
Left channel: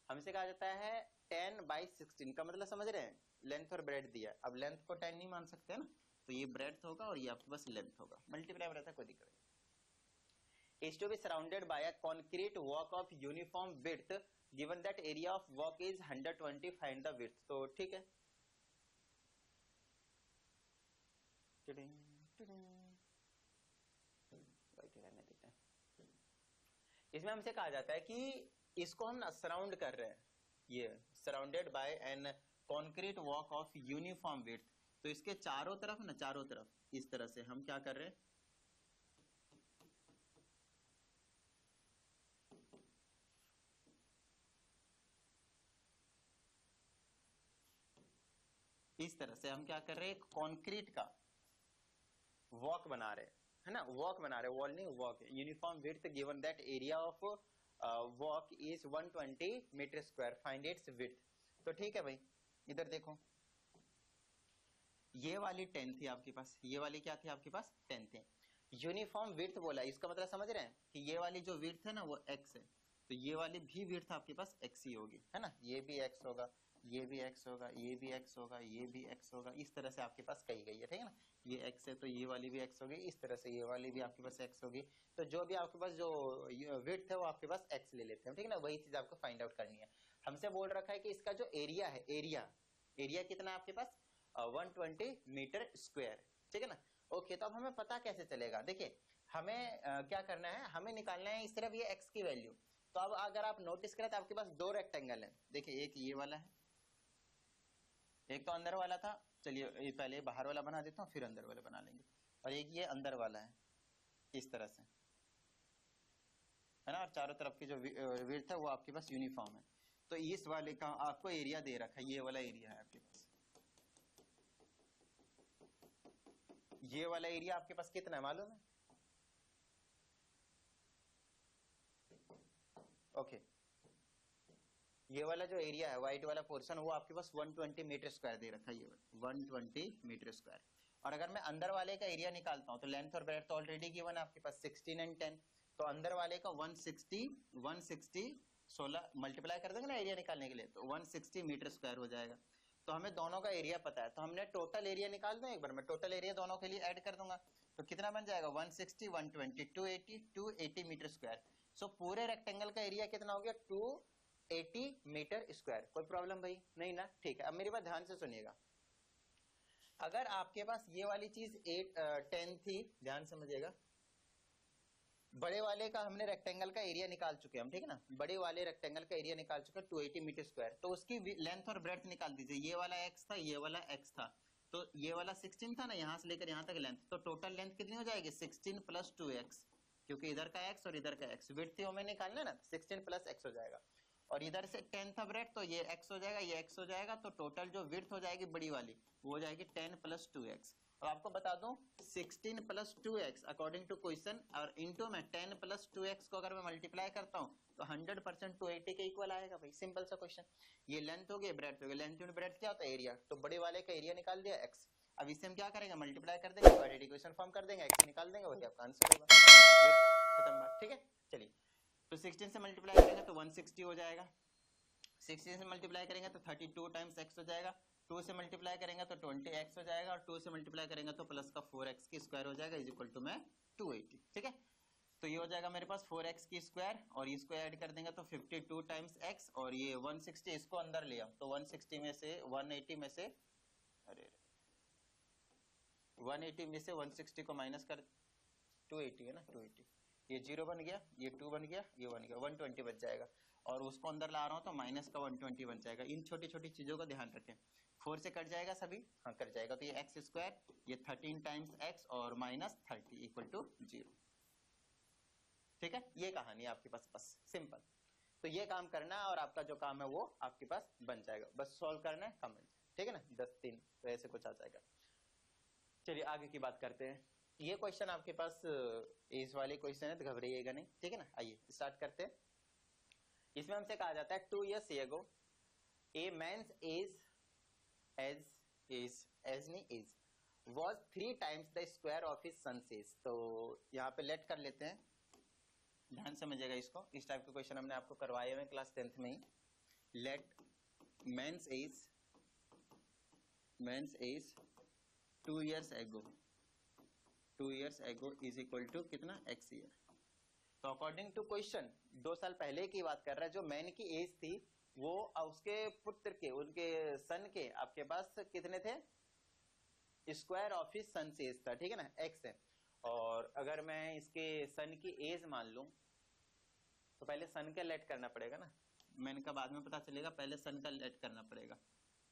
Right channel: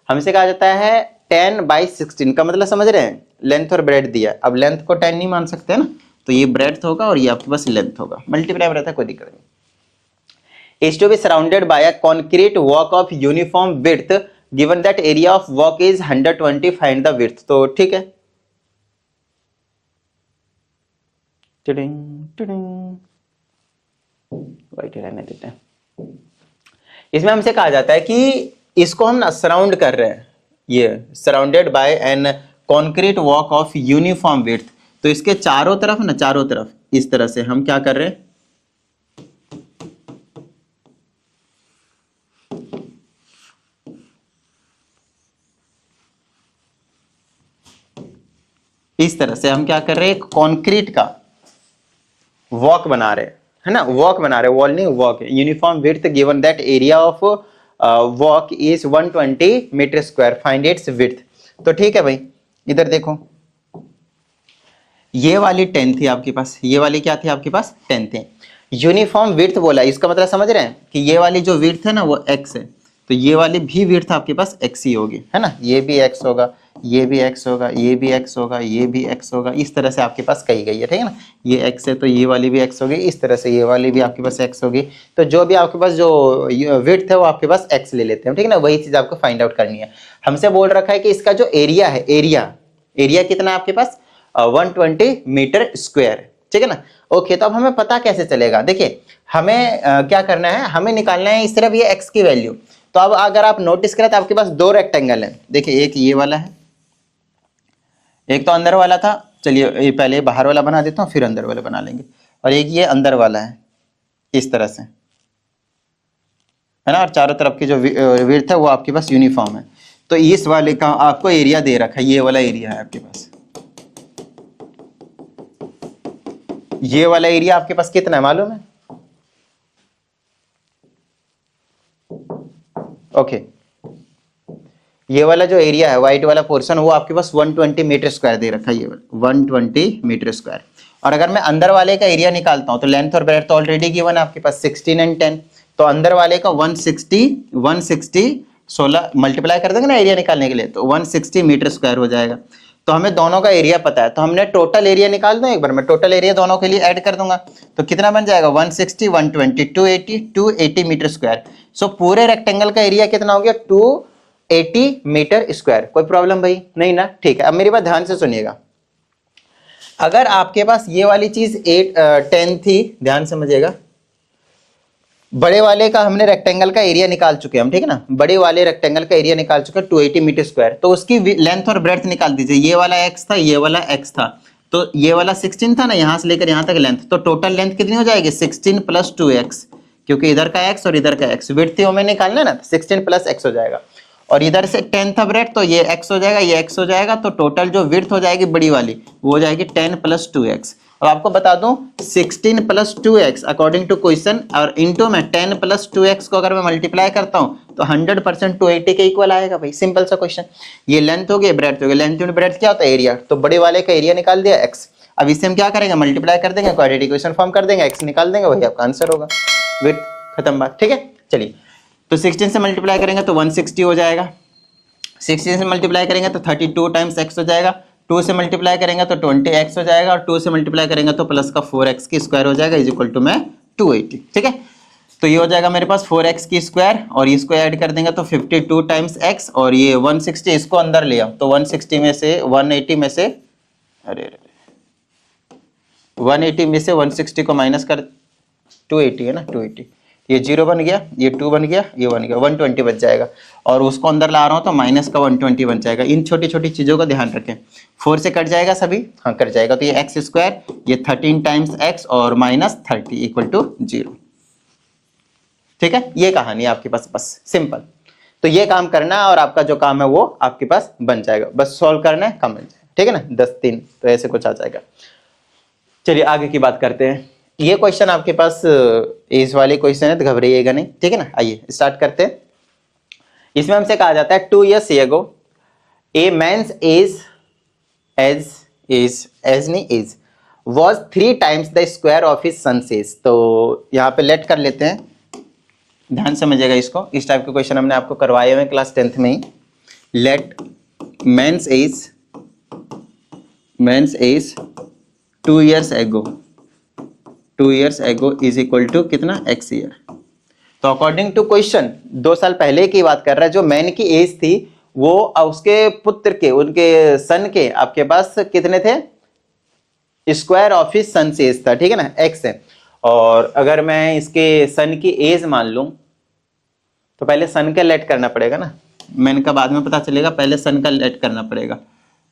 हमसे कहा जाता है 10/16 का मतलब समझ रहे हैं, लेंथ और ब्रेड दिया है। अब लेंथ को 10 नहीं मान सकते ना, तो ये ब्रेड होगा और ये आपके पास लेंथ होगा, मल्टीप्लाई में रहता है कोई दिक्कत नहीं। is to be surrounded by a concrete walk of uniform width given that area of walk is 120, find the width। तो ठीक है, वाइट रहने देते हैं। इसमें हमसे कहा जाता है कि इसको हम ना सराउंड कर रहे हैं, ये surrounded by an concrete walk of uniform width, तो इसके चारों तरफ ना, चारों तरफ इस तरह से हम क्या कर रहे हैं, इस तरह से हम क्या कर रहे हैं, कंक्रीट का वॉक बना रहे हैं, है ना, वॉक बना रहे हैं, वॉल नहीं वॉक है। Uniform width given that area of walk is 120 metre square, find its width. तो ठीक है भाई, इधर देखो ये वाली 10 थी आपके पास, ये वाली क्या थी आपके पास 10 थी। यूनिफॉर्म विड्थ बोला, इसका मतलब समझ रहे हैं कि ये वाली जो विड्थ है ना वो x है, तो ये वाली भी विड्थ आपके पास x ही होगी, है ना, ये भी x होगा, ये भी x होगा, ये भी x होगा, ये भी x होगा, इस तरह से आपके पास कही गई है। ठीक है ना, ये x है तो ये वाली भी x होगी, इस तरह से ये वाली भी आपके पास x होगी। तो जो भी आपके पास जो विड्थ है वो आपके पास x ले लेते हैं। ठीक है ना, वही चीज आपको फाइंड आउट करनी है। हमसे बोल रखा है कि इसका जो एरिया है, एरिया कितना है आपके पास 120 मीटर स्क्वायर। ठीक है ना, ओके। तो अब हमें पता कैसे चलेगा, देखिए हमें क्या करना है, हमें निकालना है सिर्फ ये x की वैल्यू। तो अब अगर आप नोटिस करें तो आपके पास दो रेक्टेंगल है, देखिए एक ये वाला है, एक तो अंदर वाला था, चलिए ये पहले बाहर वाला बना देता हूँ फिर अंदर वाला बना लेंगे, और एक ये अंदर वाला है इस तरह से, है ना, और चारों तरफ की जो विड्थ है वो आपके पास यूनिफॉर्म है। तो इस वाले का आपको एरिया दे रखा है, ये वाला एरिया है आपके पास, ये वाला एरिया आपके पास कितना है मालूम है, ओके। ये वाला जो एरिया है व्हाइट वाला पोर्शन वो आपके पास 120 मीटर स्क्वायर दे रखा है, ये वाला 120 मीटर स्क्वायर। और अगर मैं अंदर वाले का एरिया निकालता हूं तो लेंथ और ब्रेड्थ तो ऑलरेडी गिवन है आपके पास 16 और 10, तो अंदर वाले का 160 16 मल्टीप्लाई कर देंगे ना एरिया निकालने के लिए, तो 160 मीटर स्क्वायर हो जाएगा। तो हमें दोनों का एरिया पता है, तो हमने टोटल एरिया निकाल दूं एक बार, मैं टोटल एरिया दोनों के लिए ऐड कर दूंगा, तो कितना बन जाएगा 160 120 280 मीटर स्क्वायर। सो पूरे रेक्टेंगल का एरिया कितना हो गया 280 मीटर स्क्वायर। कोई प्रॉब्लम भाई नहीं ना, ठीक है। अब मेरी बात ध्यान से सुनिएगा, अगर आपके पास ये वाली चीज 10 थी, ध्यान समझिएगा, बड़े वाले का हमने रेक्टेंगल का एरिया निकाल चुके हैं हम, ठीक है ना, बड़े वाले रेक्टेंगल का एरिया निकाल चुके हैं 280 मीटर स्क्वायर, तो उसकी लेंथ और ब्रेड्थ निकाल दीजिए। ये वाला x था, ये वाला x था, तो ये वाला 16 था ना, यहां से लेकर यहां तक लेंथ, तो टोटल लेंथ कितनी हो जाएगी 16 + 2x, क्योंकि इधर का x और इधर का x, विड्थ हमें निकालना है ना, 16 + x हो जाएगा, और इधर से 10 था ब्रेड, तो ये x हो जाएगा, ये x हो जाएगा, तो टोटल जो विड्थ हो जाएगी बड़ी वाली वो हो जाएगी 10 + 2x। अब आपको बता दूं 16 plus 2x according to question और इंटू में 10 प्लस 2x को अगर मैं मल्टीप्लाई करता हूं तो 100% 280 के इक्वल आएगा भाई, सिंपल सा क्वेश्चन। ये लेंथ हो गई, ब्रेड्थ हो गई, लेंथ इंटू ब्रेड्थ क्या होता है एरिया, तो बड़े वाले का एरिया निकाल दिया x। अब इससे हम क्या करेंगे, मल्टीप्लाई कर देंगे, क्वाड्रेटिक इक्वेशन फॉर्म कर देंगे, x निकाल देंगे, वही आपका आंसर होगा। विद खत्म बात, ठीक है। चलिए तो 16 से मल्टीप्लाई करेंगे तो 160 हो जाएगा, 16 से मल्टीप्लाई करेंगे तो 32 टाइम्स x हो जाएगा, 2 से मल्टीप्लाई करेंगे तो 20x हो जाएगा, और 2 से मल्टीप्लाई करेंगे तो प्लस का 4x की स्क्वायर हो जाएगा इज इक्वल टू में 280, ठीक है। तो ये हो जाएगा मेरे पास 4x की स्क्वायर, और इसको ऐड कर देंगे तो 52 टाइम्स x, और ये 160 इसको अंदर ले आओ तो 160 में से 180 में से 180 में से 160 को माइनस कर 280 है ना, 280, ये 0 बन गया, ये 2 बन गया, ये 1 गया, 120 बच जाएगा, और उसको अंदर ला रहा हूँ तो माइनस का 120 बन जाएगा। इन छोटी छोटी चीज़ों का ध्यान रखें। 4 से कट जाएगा सभी, हाँ कट जाएगा, तो ये एक्स स्क्वायर, ये 13 टाइम्स एक्स और माइनस 30 इक्वल टू 0, ठीक है। ये कहानी है आपके पास, बस सिंपल। तो ये काम करना है और आपका जो काम है वो आपके पास बन जाएगा, बस सॉल्व करना है, काम बन जाएगा, ठीक है ना। 10-3 तो ऐसे कुछ आ जाएगा। चलिए आगे की बात करते हैं। ये क्वेश्चन आपके पास एज वाले क्वेश्चन है तो घबराइएगा नहीं, ठीक है ना। आइए स्टार्ट करते हैं। इसमें हमसे कहा जाता है 2 years ago a man's age was 3 times the square of his son's age। तो यहाँ पे लेट कर लेते हैं, ध्यान समझिएगा इसको। इस टाइप के क्वेश्चन हमने आपको करवाए हुए क्लास 10th में ही। Let man's age 2 years ago is equal to कितना, x ईयर। तो अकॉर्डिंग टू क्वेश्चन 2 साल पहले की बात कर रहा है। जो मैन की एज थी वो उसके पुत्र के, उनके सन के आपके पास कितने थे, स्क्वायर ऑफ हिज सन से एज था, ठीक है ना, x है। और अगर मैं इसके सन की एज मान लूं तो पहले सन का लेट करना पड़ेगा ना, मैन का बाद में पता चलेगा, पहले सन का लेट करना पड़ेगा।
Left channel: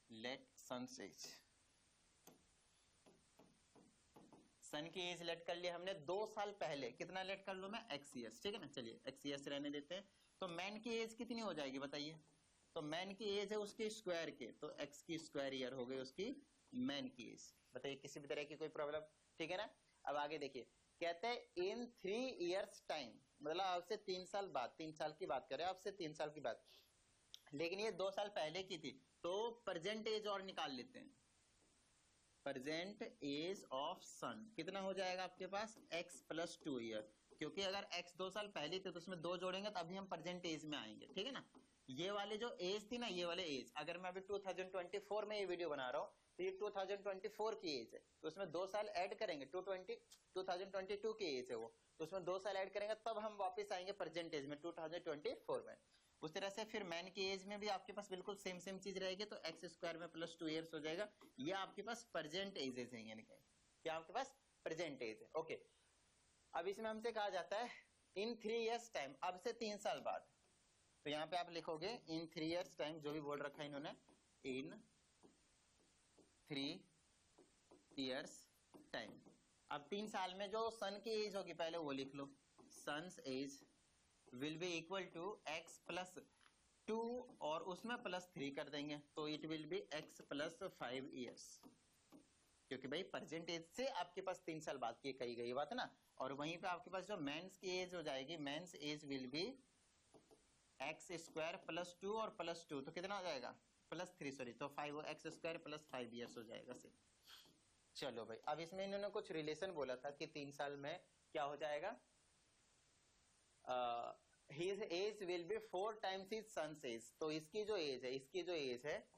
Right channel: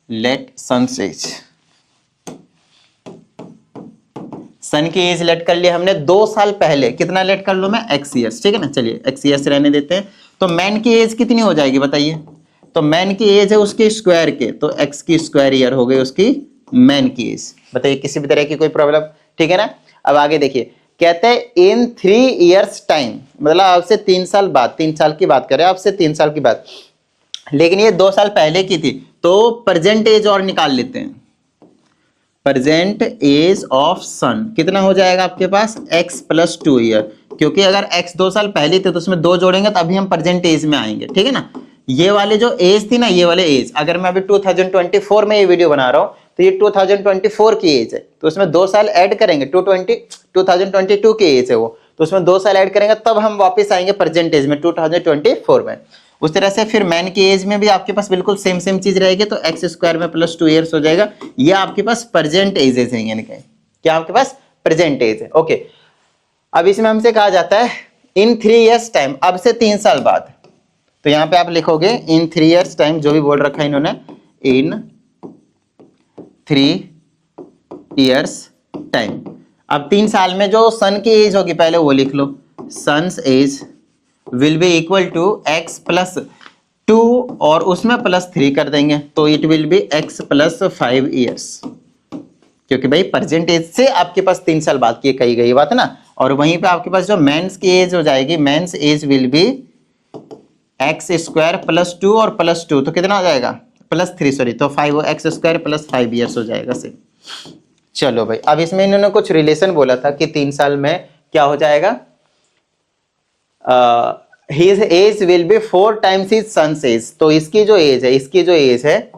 लेट सन एज, सन की एज लेट कर लिया हमने 2 साल पहले, कितना लेट कर लूं मैं, x ईयर्स, ठीक है ना। चलिए x ईयर्स रहने देते हैं। तो मैन की एज कितनी हो जाएगी बताइए, तो मैन की एज है उसके स्क्वायर के, तो x की स्क्वायर ईयर हो गई उसकी मैन की एज। बताइए किसी भी तरह की कोई प्रॉब्लम, ठीक है ना। अब आगे देखिए, कहते हैं इन 3 years टाइम, मतलब आपसे 3 साल बाद, 3 साल की बात करें आपसे 3 साल की बात, लेकिन ये 2 साल पहले की थी। तो प्रेजेंट एज और निकाल लेते हैं, प्रेजेंट एज ऑफ सन कितना हो जाएगा आपके पास, x प्लस 2 ईयर, क्योंकि अगर x 2 साल पहले थे तो उसमें 2 जोड़ेंगे तो अभी हम प्रेजेंट एज में आएंगे, ठीक है ना। ये वाले जो एज थी ना, ये वाले एज, अगर मैं अभी 2024 में ये वीडियो बना रहा हूँ तो ये 2024 की एज है, तो उसमें 2 साल ऐड करेंगे, 2022 की एज है वो, तो उसमें 2 साल ऐड करेंगे तब हम वापस आएंगे प्रेजेंट एज में 2024 में। उस तरह से फिर मैन की एज में भी आपके पास बिल्कुल सेम चीज रहेगी, तो एक्स स्क्वायर में प्लस 2 ईयर्स हो जाएगा। ये आपके पास प्रेजेंट एजेस हैं, यानी क्या आपके पास प्रेजेंट एज है, ओके। अब इसमें हमसे कहा जाता है इन 3 years टाइम, अब से 3 साल बाद, तो यहाँ पे आप लिखोगे इन 3 years टाइम, जो भी बोल रखा है इन्होंने, इन 3 years टाइम। अब 3 साल में जो सन की एज होगी पहले वो लिख लो, son's age will be equal to x plus 2 और उसमें प्लस 3 कर देंगे, तो it will be x plus 5 years, क्योंकि भाई प्रेजेंट एज से आपके पास 3 साल बाद की कही गई बात ना। और वहीं पे आपके पास जो मेंस की एज हो जाएगी, men's age will be x square plus 2 और प्लस 2 तो कितना हो जाएगा, प्लस 3 सॉरी, तो 5 एक्स स्क्वायर प्लस 5 ईयर्स हो जाएगा से। चलो भाई, अब इसमें इन्होंने कुछ रिलेशन बोला था कि 3 साल में क्या हो जाएगा, his age will be 4 times his son's age। तो इसकी जो एज है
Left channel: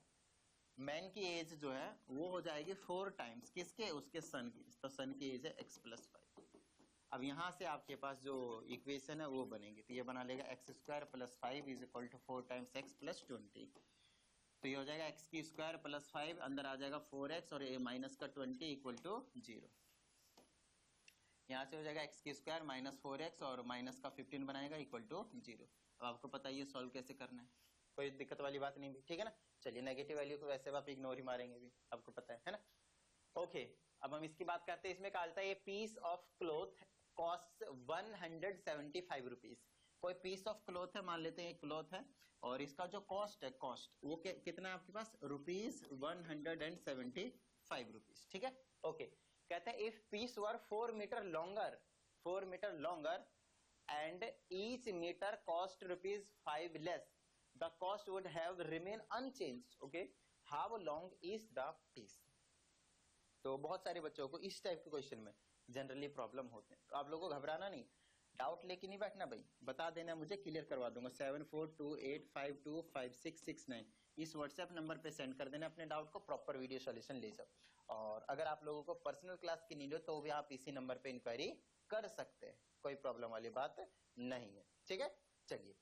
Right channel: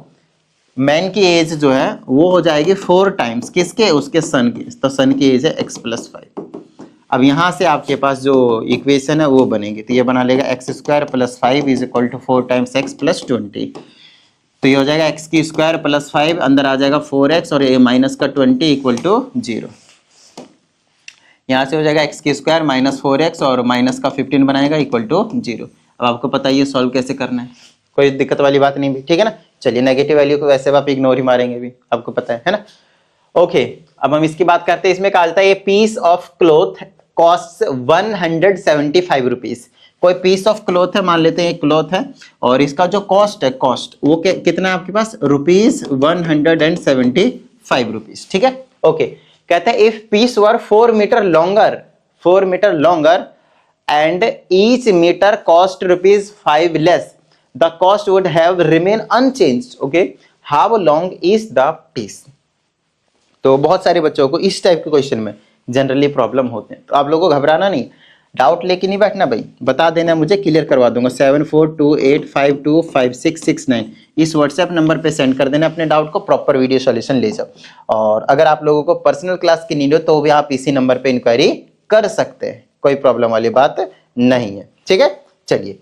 मैन की एज जो है वो हो जाएगी 4 टाइम्स किसके, उसके सन की। तो सन की एज है x प्लस 5। अब यहाँ से आपके पास जो इक्वेशन है वो बनेगी, तो ये बना लेगा x square plus 5 is equal to 4 times x plus 20। तो ये हो जाएगा एक्स की स्क्वायर प्लस 5, अंदर आ जाएगा 4x और ये माइनस का 20 इक्वल टू 0। यहाँ से हो जाएगा एक्स की स्क्वायर माइनस 4x और माइनस का 15 बनाएगा इक्वल टू 0। अब आपको पता है ये सॉल्व कैसे करना है, कोई दिक्कत वाली बात नहीं भी, ठीक है ना। चलिए नेगेटिव वैल्यू को वैसे आप इग्नोर ही मारेंगे भी, आपको पता है ना। ओके, अब हम इसकी बात करते हैं। इसमें कहा जाता है ये piece of cloth cost 175 rupees. कोई पीस ऑफ क्लॉथ है, मान लेते हैं एक क्लॉथ है, और इसका जो कॉस्ट है, कॉस्ट वो कितना है आपके पास, ₹175 रुपीज, ठीक है। ओके, कहते हैं if piece were 4 metre longer and each meter cost rupees 5 less, the cost would have remain unchanged. Okay, how long is the piece? तो बहुत सारे बच्चों को इस टाइप के क्वेश्चन में जनरली प्रॉब्लम होते हैं, तो आप लोगों को घबराना नहीं, डाउट लेके नहीं बैठना भाई, बता देना, मुझे क्लियर करवा दूंगा। 7428525669 इस व्हाट्सएप नंबर पे सेंड कर देना अपने डाउट को, प्रॉपर वीडियो सॉल्यूशन ले जाओ। और अगर आप लोगों को पर्सनल क्लास की नीड हो तो भी आप इसी नंबर पे इंक्वायरी कर सकते हैं, कोई प्रॉब्लम वाली बात नहीं है। ठीक है, चलिए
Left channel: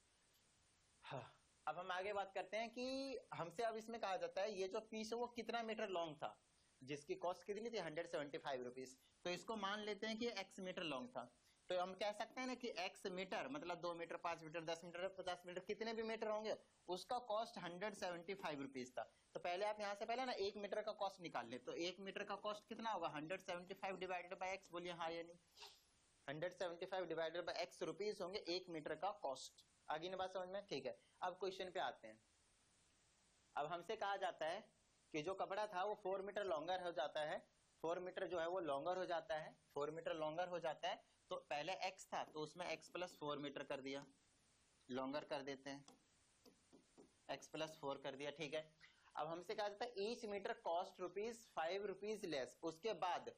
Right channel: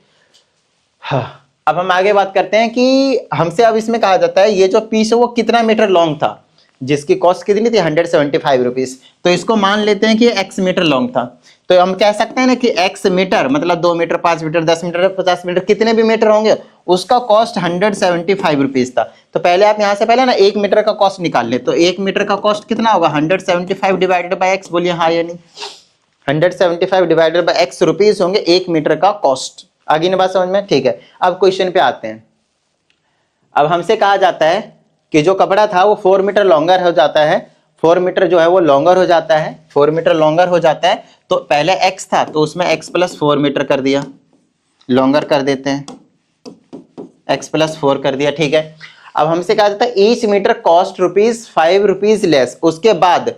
हाँ, अब हम आगे बात करते हैं कि हमसे अब इसमें कहा जाता है ये जो पीस है वो कितना मीटर लॉन्ग था, जिसकी कॉस्ट कितनी थी 175 रुपीज। तो इसको मान लेते हैं कि एक्स मीटर लॉन्ग था, तो हम कह सकते हैं ना कि एक्स मीटर मतलब 2 मीटर 5 मीटर 10 मीटर 50 मीटर कितने भी मीटर होंगे उसका कॉस्ट 175 रुपीज था। तो पहले आप यहां से पहले ना 1 मीटर का कॉस्ट निकाल ले, तो 1 मीटर का कॉस्ट कितना होगा 175 डिवाइडेड बाय एक्स, बोलिए हाँ या नहीं। 175 डिवाइडेड बाय एक्स रुपीज होंगे 1 मीटर का कॉस्ट। आगे ना बात समझ में, ठीक है। अब क्वेश्चन पे आते हैं। अब हमसे कहा जाता है कि जो कपड़ा था वो 4 मीटर लॉन्गर हो जाता है, 4 मीटर जो है वो लॉन्गर हो जाता है, 4 मीटर लॉन्गर हो जाता है। तो पहले x था तो उसमें x प्लस 4 मीटर कर दिया, लॉन्गर कर देते हैं, x प्लस 4 कर दिया, ठीक है। अब हमसे कहा जाता है each metre cost rupees 5 rupees less. उसके बाद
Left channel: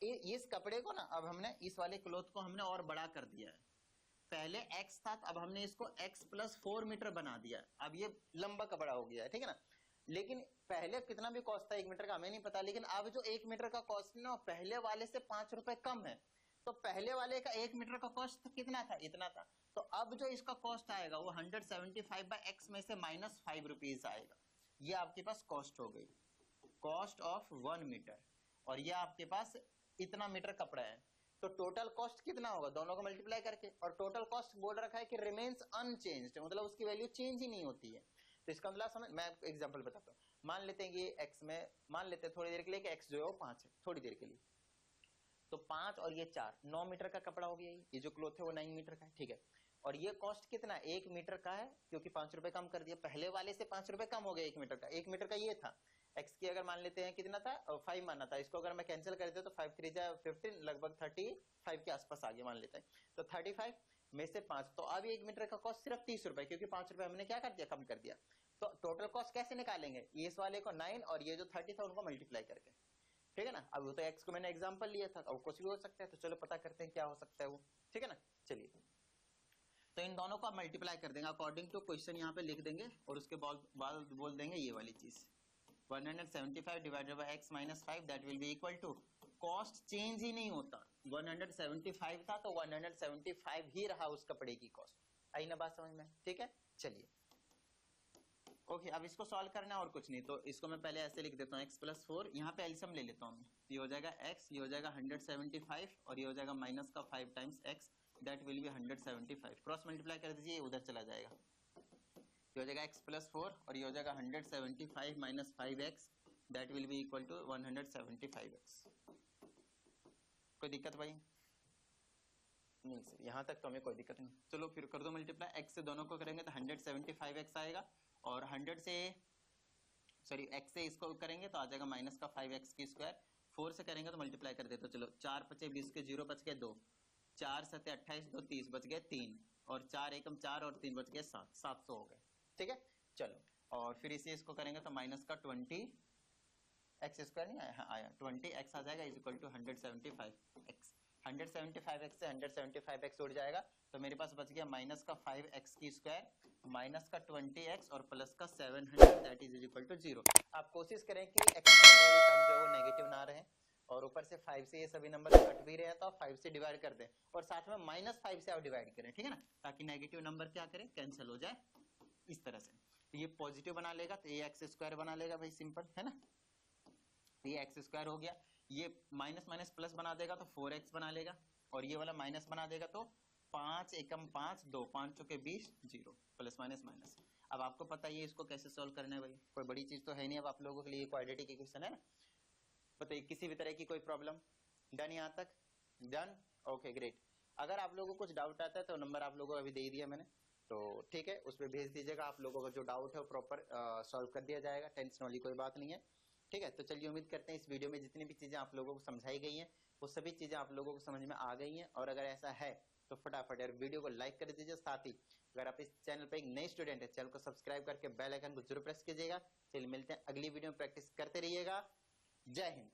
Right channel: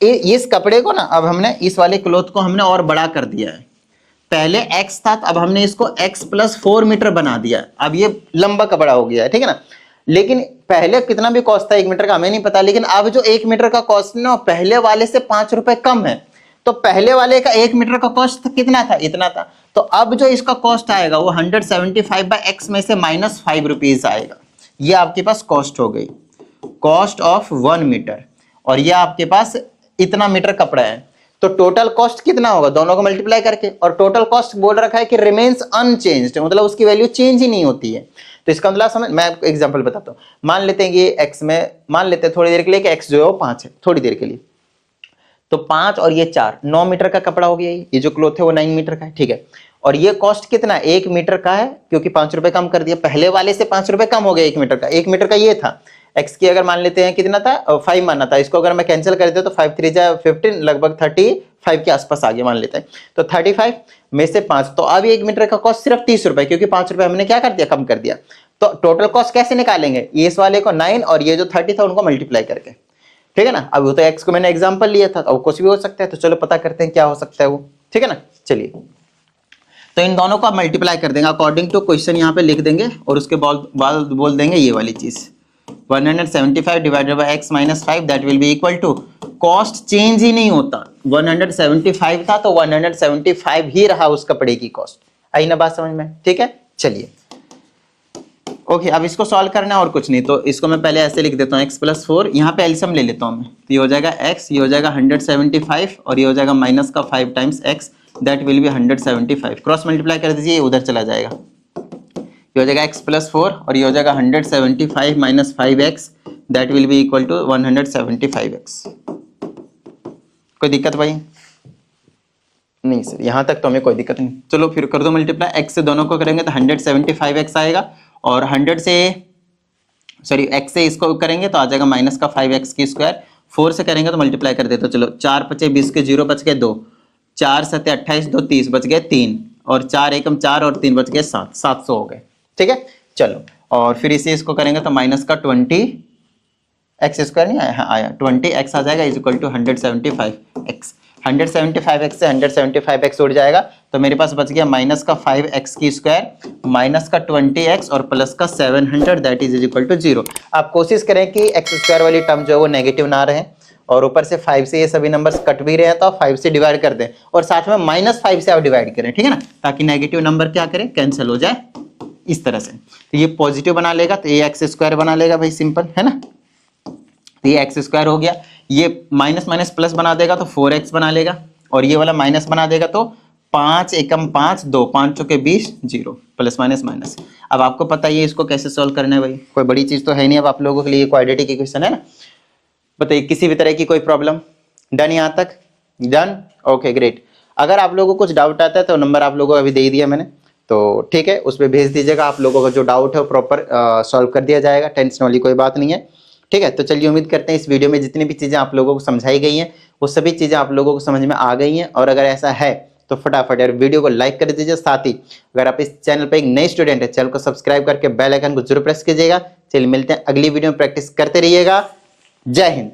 इस कपड़े को ना अब हमने इस वाले क्लोथ को हमने और बड़ा कर दिया है, पहले x था अब हमने इसको x प्लस 4 मीटर बना दिया, अब ये लंबा कपड़ा हो गया है, ठीक है ना। लेकिन पहले कितना भी कॉस्ट था 1 मीटर का हमें नहीं पता, लेकिन अब जो 1 मीटर का कॉस्ट ना पहले वाले से 5 रुपए कम है। तो पहले वाले का 1 मीटर का कॉस्ट कितना था, इतना था। तो अब जो इसका कॉस्ट आएगा वो 175 बाय एक्स में से माइनस 5 रुपीज आएगा। ये आपके पास कॉस्ट हो गई, कॉस्ट ऑफ 1 मीटर, और ये आपके पास इतना मीटर कपड़ा है। तो टोटल कॉस्ट कितना होगा दोनों को मल्टीप्लाई करके, और टोटल कॉस्ट बोल रखा है कि रिमेन्स अनचेंज्ड, मतलब उसकी वैल्यू चेंज ही नहीं होती है। तो इसका मतलब समझ, मैं आपको एग्जांपल बताता हूँ। मान लेते हैं कि x में, मान लेते हैं थोड़ी देर के लिए कि x जो है वो 5 है, थोड़ी देर के लिए, तो 5 और ये 4 9 मीटर का कपड़ा हो गया। ये जो क्लोथ है वो 9 मीटर का है, ठीक है। और ये कॉस्ट कितना 1 मीटर का है, क्योंकि 5 रुपए कम कर दिया, पहले वाले से 5 रुपए कम हो गया 1 मीटर का। 1 मीटर का ये था, x की अगर मान लेते हैं कितना था 5 माना था, इसको अगर मैं कैंसिल कर देता तो 5 3 जा 15, लगभग 35 के आसपास आ गया मान लेते हैं। तो 35 में से 5, तो अब 1 मीटर का कॉस्ट सिर्फ 30 रुपए, क्योंकि 5 रुपए हमने क्या कर दिया, कम कर दिया। तो टोटल कॉस्ट कैसे निकालेंगे, ये इस वाले को 9 और ये जो 30 था उनको मल्टीप्लाई करके, ठीक है ना। अब वो तो x को मैंने एग्जांपल लिया था, अब कुछ भी हो सकता है, तो चलो पता करते हैं क्या हो सकता है वो, ठीक है ना। चलिए, तो इन दोनों को आप मल्टीप्लाई कर देंगे अकॉर्डिंग टू क्वेश्चन, यहाँ पे लिख देंगे और उसके बाद बोल देंगे ये वाली चीज 175 divided by x minus 5 that will be equal to, cost change ही नहीं होता, 175 था तो 175 ही रहा उस कपड़े की कॉस्ट। आई ना बात समझ में, ठीक है। चलिए ओके, अब इसको सॉल्व करना है और कुछ नहीं, तो इसको मैं पहले ऐसे लिख देता हूँ x प्लस 4, यहाँ पे एलसीएम ले लेता हूँ मैं, तो ये हो जाएगा x, ये हो जाएगा 175 और ये हो जाएगा माइनस का 5 times x, that will B 175। Cross multiply कर दीजिए, ये उधर चला जाएगा, ये हो जाएगा x प्लस 4 और ये हो जाएगा 175 minus 5x, that will be equal to 175x। कोई दिक्कत भाई? नहीं सर, यहाँ तक तो हमें कोई दिक्कत नहीं। चलो फिर कर दो मल्टीप्लाई, x से दोनों को करेंगे तो 175x आएगा, और 100 से सॉरी x से इसको करेंगे तो आ जाएगा माइनस का 5x की स्क्वायर, 4 से करेंगे तो मल्टीप्लाई कर देते, तो चलो 4 पचे 20 के 0 बच गए 2, 4 सत्ते 28 2 30 बच गए 3, और 4 एकम 4 और 3 बच गए 7, 700 हो गए, ठीक है। चलो, और फिर इसे इसको करेंगे तो माइनस का 20x स्क्वायर नहीं आया, हाँ आया, 20x आ जाएगा is equal to 175x। 175x से 175x उड़ जाएगा, तो मेरे पास बच गया माइनस का 5x की स्क्वायर, माइनस का 20x और प्लस का 700, दैट इज इक्वल टू 0। आप कोशिश करें कि x स्क्वायर वाली टर्म जो है वो नेगेटिव ना रहे, और ऊपर से 5 से ये सभी नंबर्स कट भी रहे हैं तो आप 5 से डिवाइड कर दें, और साथ में माइनस 5 से आप डिवाइड करें, ठीक है ना, ताकि नेगेटिव नंबर क्या करें, कैंसिल हो जाए इस तरह से। तो ये पॉजिटिव बना लेगा तो ये एक्स स्क्वायर बना लेगा भाई, सिंपल है ना। तो ये एक्स स्क्वायर हो गया, ये माइनस माइनस प्लस बना देगा तो 4x बना लेगा, और ये वाला माइनस बना देगा तो 5 एकम 5 2, 5 चौके 20 0, प्लस माइनस माइनस। अब आपको पता है इसको कैसे सॉल्व करना है भाई, कोई बड़ी चीज तो है नहीं अब आप लोगों के लिए, क्वाड्रेटिक इक्वेशन है ना। बताइए किसी भी तरह की कोई प्रॉब्लम? डन यहाँ तक? Done, okay great. अगर आप लोगों को कुछ डाउट आता है तो नंबर आप लोगों को अभी दे ही दिया मैंने, तो ठीक है उस पर भेज दीजिएगा, आप लोगों का जो डाउट है वो प्रॉपर सॉल्व कर दिया जाएगा, टेंशन वाली कोई बात नहीं है, ठीक है, तो चलिए उम्मीद करते हैं इस वीडियो में जितनी भी चीज़ें आप लोगों को समझाई गई हैं वो सभी चीज़ें आप लोगों को समझ में आ गई हैं। और अगर ऐसा है तो फटाफट यार वीडियो को लाइक कर दीजिए, साथ ही अगर आप इस चैनल पर एक नए स्टूडेंट है चैनल को सब्सक्राइब करके बेल आइकन को जरूर प्रेस कीजिएगा। चलिए मिलते हैं अगली वीडियो में, प्रैक्टिस करते रहिएगा। जय हिंद।